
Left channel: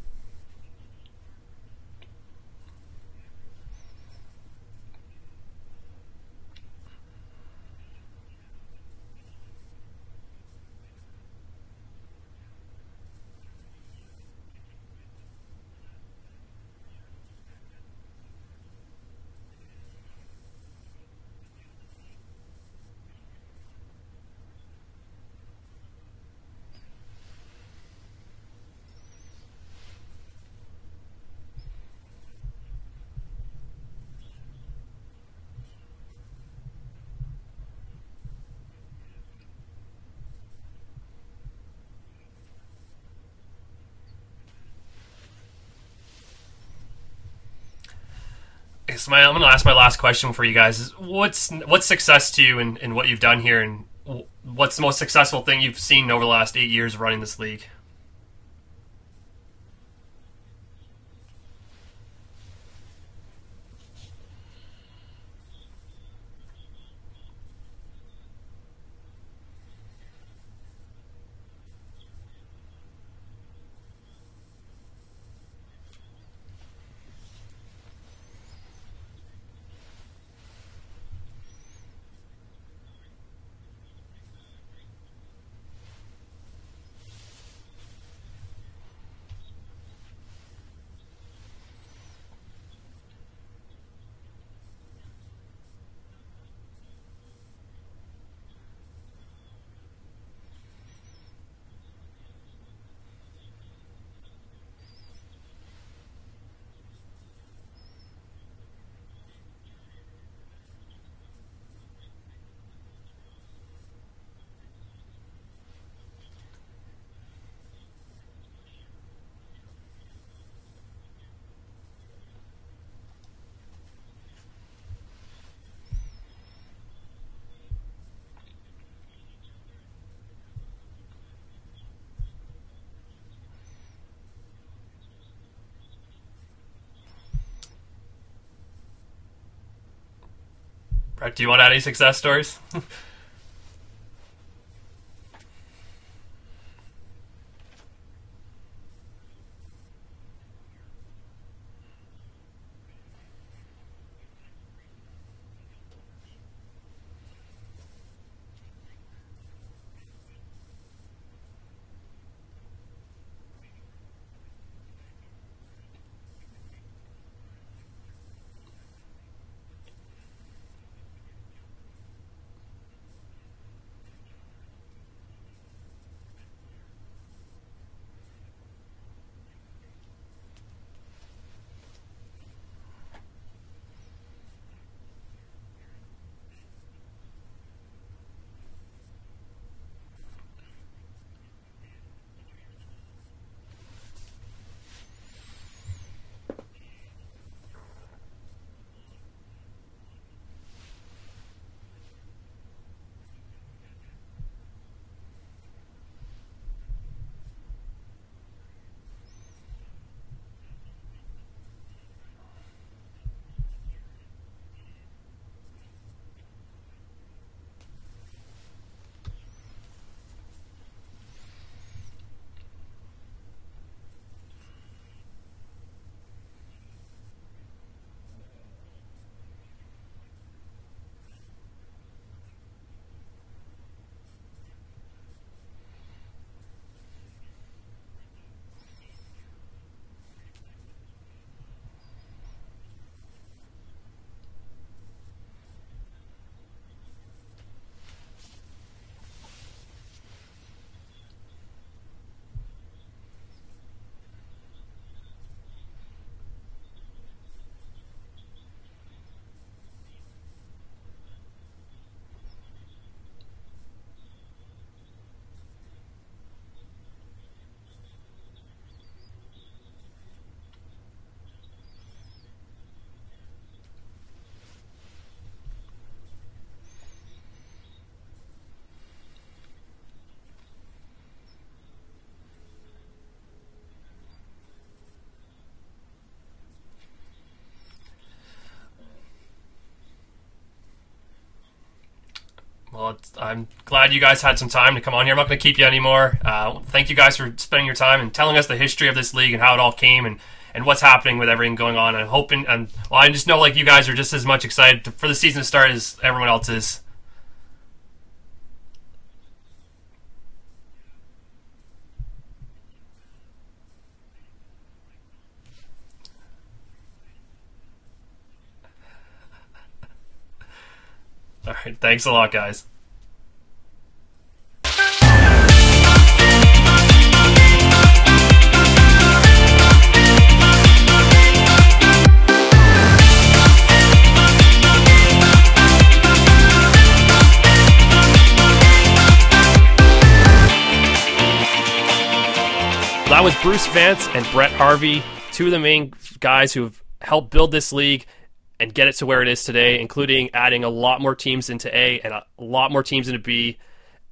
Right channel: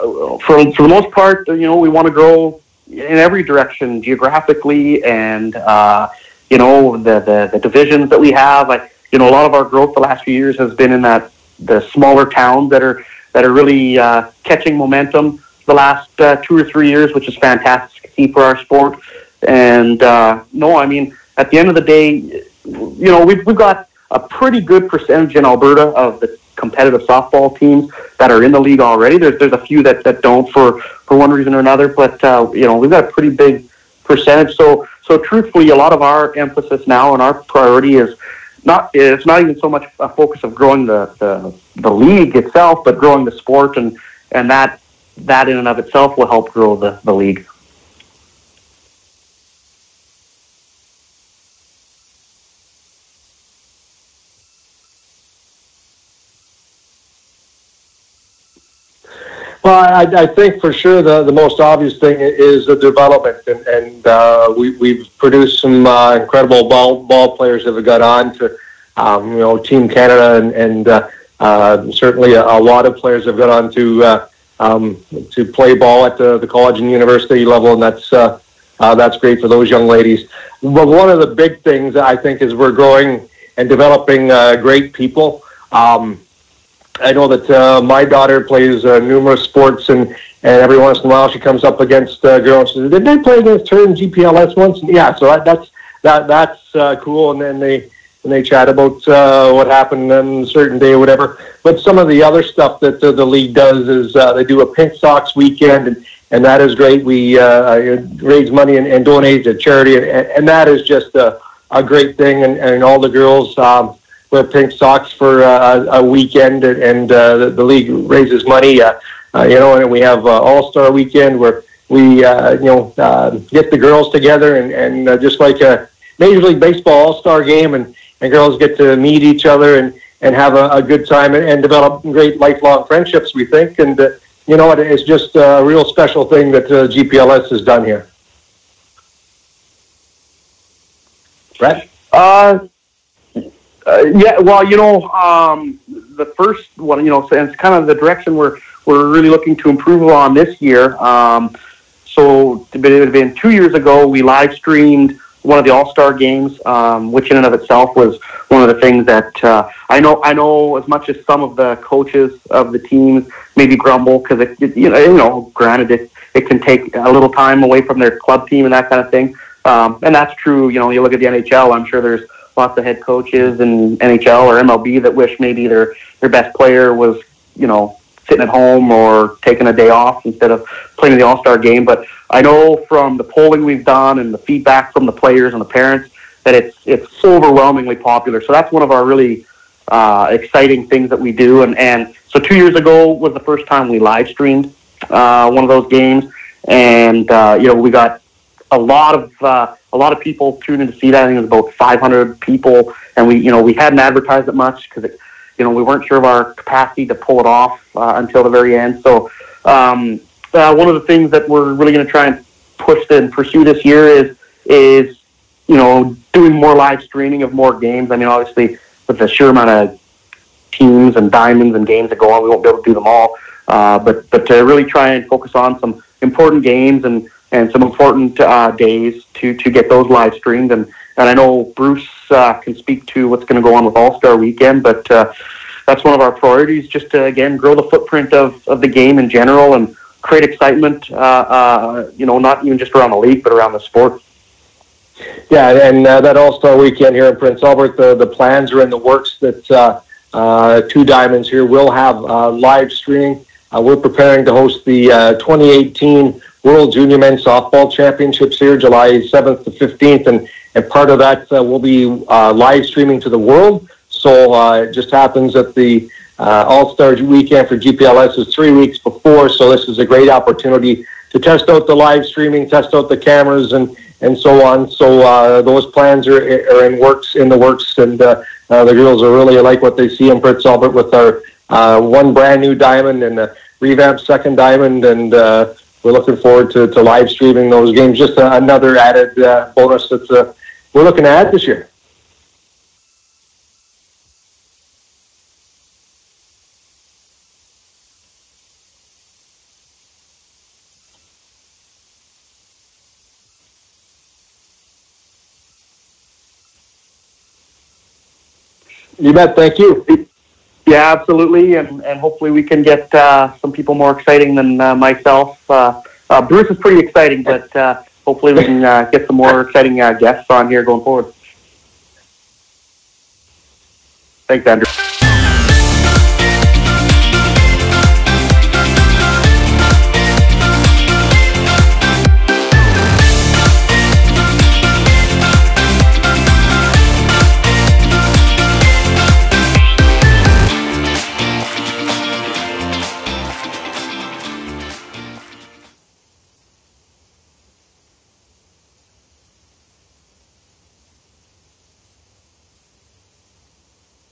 for the most part, we want to grow in every direction geographically, and the divisions that we have. A lot of our growth the last few years has been in the smaller towns that are really catching momentum the last 2 or 3 years, which is fantastic to see for our sport. And at the end of the day, we've got a pretty good percentage in Alberta of the competitive softball teams that are in the league already. There's a few that don't for one reason or another, but we've got a pretty big percentage. So truthfully, a lot of our emphasis now and our priority is it's not even so much a focus of growing the league itself, but growing the sport, and that in and of itself will help grow the league. So I'm going to ask my last question for you guys. What's success to you in what you've done here, and what's the most successful thing you've seen over the last 8 years of running this league? Well, I think for sure the most obvious thing is the development, and we've produced some incredible ball players that have got on to Team Canada, and certainly a lot of players have got on to play ball at the college and university level, and that's great for those young ladies. But one of the big things I think is we're growing and developing great people. I know that my daughter plays numerous sports, and every once in a while she comes up against girls. She says, "Did they play against her in GPLS once?" And yeah, so that's cool. And then they chat about what happened on a certain day or whatever. But some of the other stuff that the league does is they do a Pink Socks weekend, and that is great. We raise money and donate to charity, and that is just a great thing. And all the girls wear pink socks for a weekend, and the league raises money. And we have All-Star Weekend where we get the girls together, and just like a Major League Baseball All-Star game, and girls get to meet each other and have a good time and develop great lifelong friendships, we think. And it's just a real special thing that GPLS has done here. Brett, do you want any success stories? The first one, so it's kind of the direction we're really looking to improve on this year. So it had been 2 years ago, we live streamed one of the All-Star games, which in and of itself was one of the things that I know as much as some of the coaches of the teams maybe grumble, because granted it can take a little time away from their club team and that kind of thing. And that's true. You know, you look at the NHL, I'm sure there's lots of head coaches in NHL or MLB that wish maybe their best player was, you know, sitting at home or taking a day off instead of playing in the All-Star game. But I know from the polling we've done and the feedback from the players and the parents that it's so overwhelmingly popular. So that's one of our really exciting things that we do. And so 2 years ago was the first time we live streamed one of those games, and you know, we got a lot of people tuned in to see that. I think it was about 500 people, and we hadn't advertised it much because we weren't sure of our capacity to pull it off until the very end. So one of the things that we're really going to try and push and pursue this year is doing more live streaming of more games. I mean, obviously, with the sheer amount of teams and diamonds and games that go on, we won't be able to do them all. But to really try and focus on some important games and some important days to get those live streamed. And I know Bruce can speak to what's going to go on with All-Star Weekend, but that's one of our priorities, just to, again, grow the footprint of the game in general and create excitement, not even just around the league, but around the sport. Yeah, and that All-Star Weekend here in Prince Albert, the plans are in the works that Two Diamonds here will have live streaming. We're preparing to host the 2018 World Junior Men's Softball Championships here, July 7th to 15th, and part of that will be live streaming to the world. So it just happens that the All-Star Weekend for GPLS is 3 weeks before, so this is a great opportunity to test out the live streaming, test out the cameras, and so on. So those plans are in the works, and the girls are really like what they see in Prince Albert with our one brand new diamond and a revamped second diamond, and we're looking forward to live streaming those games. Just another added bonus that we're looking to add this year. Well, I'm glad you guys had some time to come on here. I'm not going to keep you anymore. Thank you guys for spending your time and telling us the history of this league and how it all came and what's happening with everything going on. And hoping, I just know like you guys are just as much excited for the season to start as everyone else is. You bet. Thank you. Yeah, absolutely, and hopefully we can get some people more exciting than myself. Bruce is pretty exciting, but hopefully we can get some more exciting guests on here going forward. All right, thanks a lot, guys. Thanks, Andrew. That was Bruce Vance and Brett Harvie, two of the main guys who have helped build this league and get it to where it is today, including adding a lot more teams into A and a lot more teams into B.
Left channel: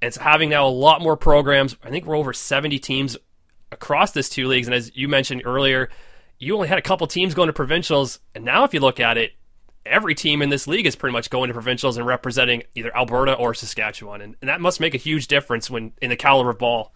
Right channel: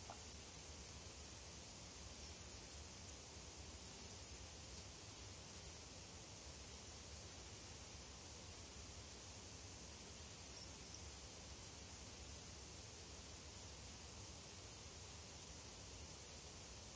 And it's having now a lot more programs. I think we're over 70 teams across this two leagues. And as you mentioned earlier, you only had a couple teams going to provincials. And now if you look at it, every team in this league is pretty much going to provincials and representing either Alberta or Saskatchewan. And that must make a huge difference when in the caliber of ball.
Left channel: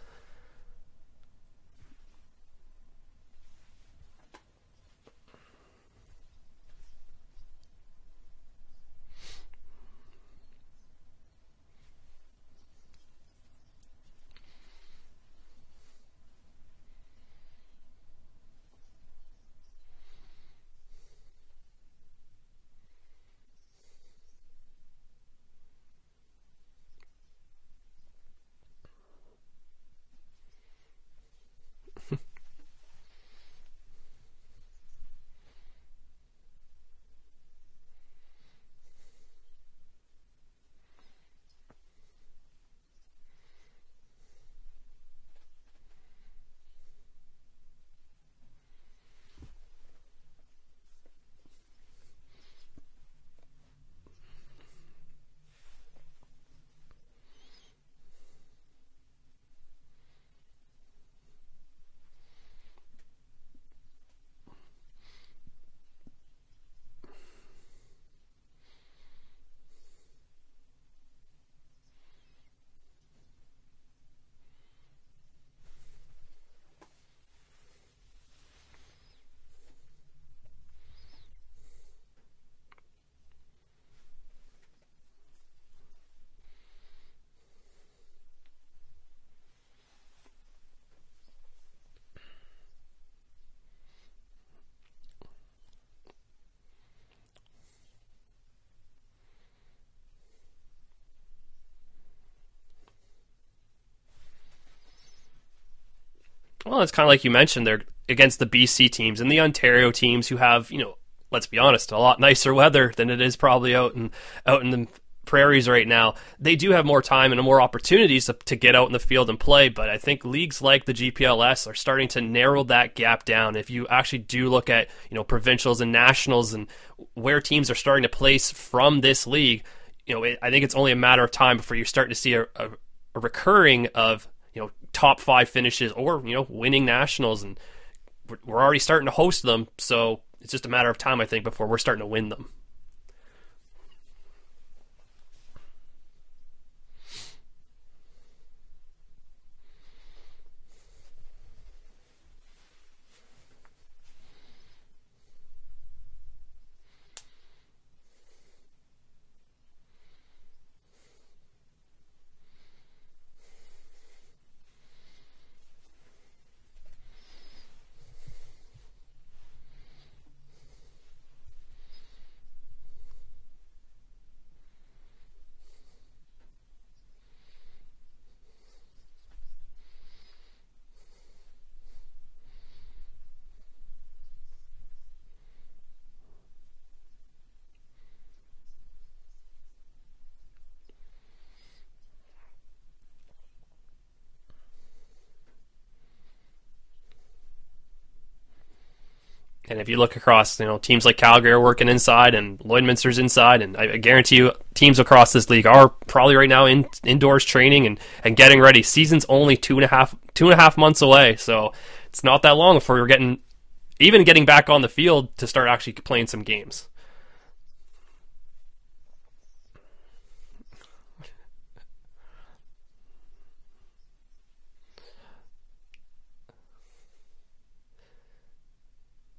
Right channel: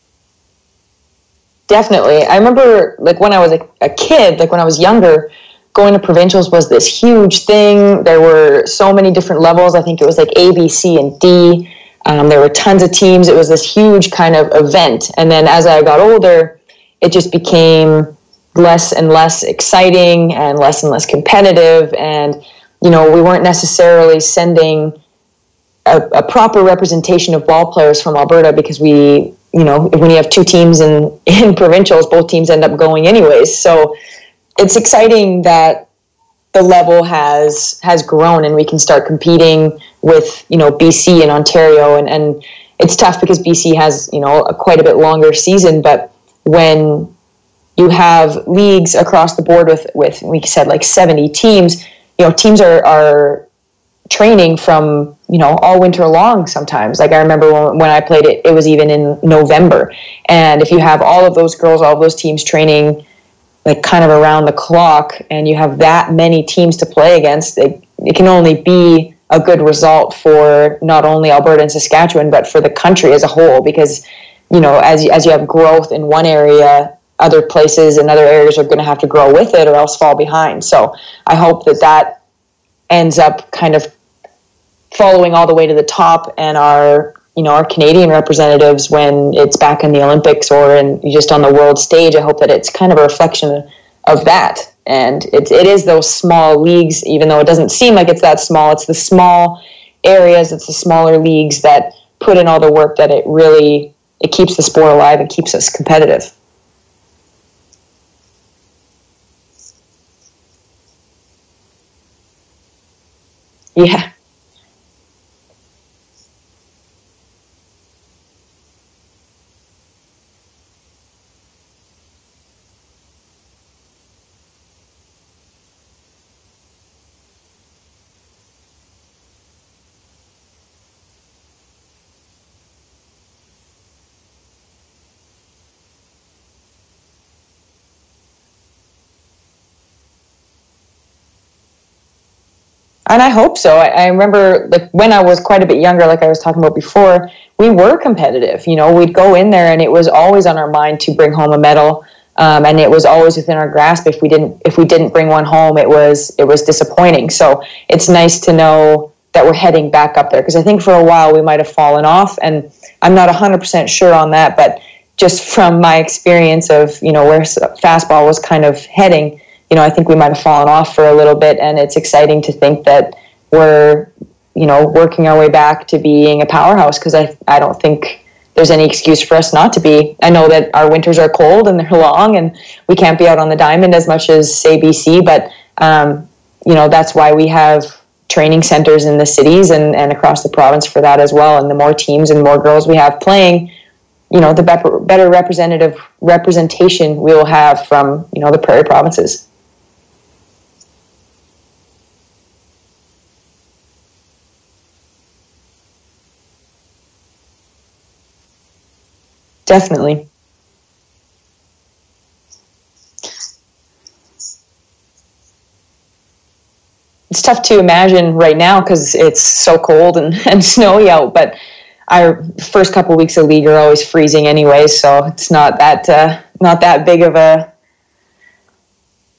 Definitely. I remember, like, when I was a kid, like when I was younger, going to provincials was this huge thing. There were so many different levels. I think it was like A, B, C, and D. There were tons of teams. It was this huge kind of event. And then as I got older, it just became less and less exciting and less competitive. And, we weren't necessarily sending a proper representation of ball players from Alberta because when you have two teams in provincials, both teams end up going anyways. So it's exciting that the level has grown and we can start competing with, BC and Ontario. And it's tough because BC has, quite a bit longer season. But when you have leagues across the board with we said like 70 teams, teams are training from, all winter long sometimes. Like I remember when I played it was even in November. And if you have all of those girls, all of those teams training like kind of around the clock, and you have that many teams to play against, it can only be a good result for not only Alberta and Saskatchewan, but for the country as a whole, because, as you have growth in one area, other places and other areas are going to have to grow with it or else fall behind. So I hope that ends up kind of following all the way to the top, and our Canadian representatives, when it's back in the Olympics or just on the world stage, I hope that it's kind of a reflection of that. And it is those small leagues, even though it doesn't seem like it's that small. It's the small areas, it's the smaller leagues that put in all the work that it keeps the sport alive and keeps us competitive. Well, it's kind of like you mentioned, they're against the BC teams and the Ontario teams who have, let's be honest, a lot nicer weather than it is probably out in the prairies right now. They do have more time and more opportunities to get out in the field and play, but I think leagues like the GPLS are starting to narrow that gap down. If you actually do look at provincials and nationals and where teams are starting to place from this league, I think it's only a matter of time before you're starting to see a recurring of top 5 finishes or winning nationals, and we're already starting to host them, so it's just a matter of time, I think, before we're starting to win them. And I hope so. I remember when I was quite a bit younger, like I was talking about before, we were competitive. We'd go in there and it was always on our mind to bring home a medal. And it was always within our grasp. If we didn't bring one home, it was disappointing. So it's nice to know that we're heading back up there, because I think for a while we might have fallen off, and I'm not 100% sure on that, but just from my experience of where fastball was kind of heading, I think we might have fallen off for a little bit, and it's exciting to think that we're, working our way back to being a powerhouse, because I don't think there's any excuse for us not to be. I know that our winters are cold and they're long, and we can't be out on the diamond as much as, say, BC, but, that's why we have training centers in the cities and across the province for that as well. And the more teams and more girls we have playing, the better representation we will have from, the prairie provinces. And if you look across, teams like Calgary are working inside and Lloydminster's inside, and I guarantee you teams across this league are probably right now indoors training and getting ready. Season's only two and a half months away, so it's not that long before we're getting back on the field to start actually playing some games. It's tough to imagine right now because it's so cold and snowy out, but our first couple of weeks of league are always freezing anyway, so it's not that big of a...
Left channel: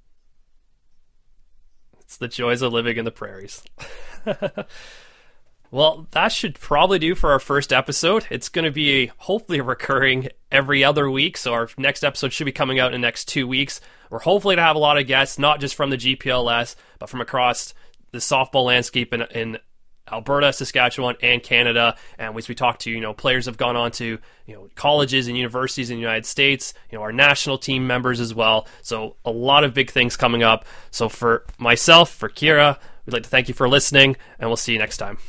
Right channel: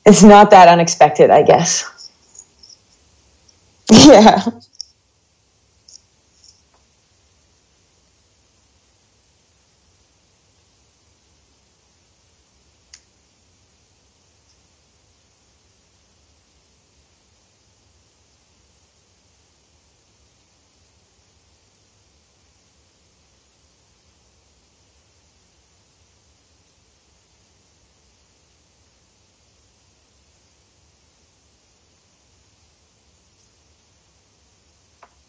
It's not that unexpected, I guess. It's the joys of living in the prairies. Yeah. Well, that should probably do for our first episode. It's going to be hopefully recurring every other week, so our next episode should be coming out in the next 2 weeks. We're hopefully to have a lot of guests, not just from the GPLS, but from across the softball landscape in Alberta, Saskatchewan, and Canada. And as we talk to, players have gone on to, colleges and universities in the United States, our national team members as well. So a lot of big things coming up. So for myself, for Keira, we'd like to thank you for listening, and we'll see you next time.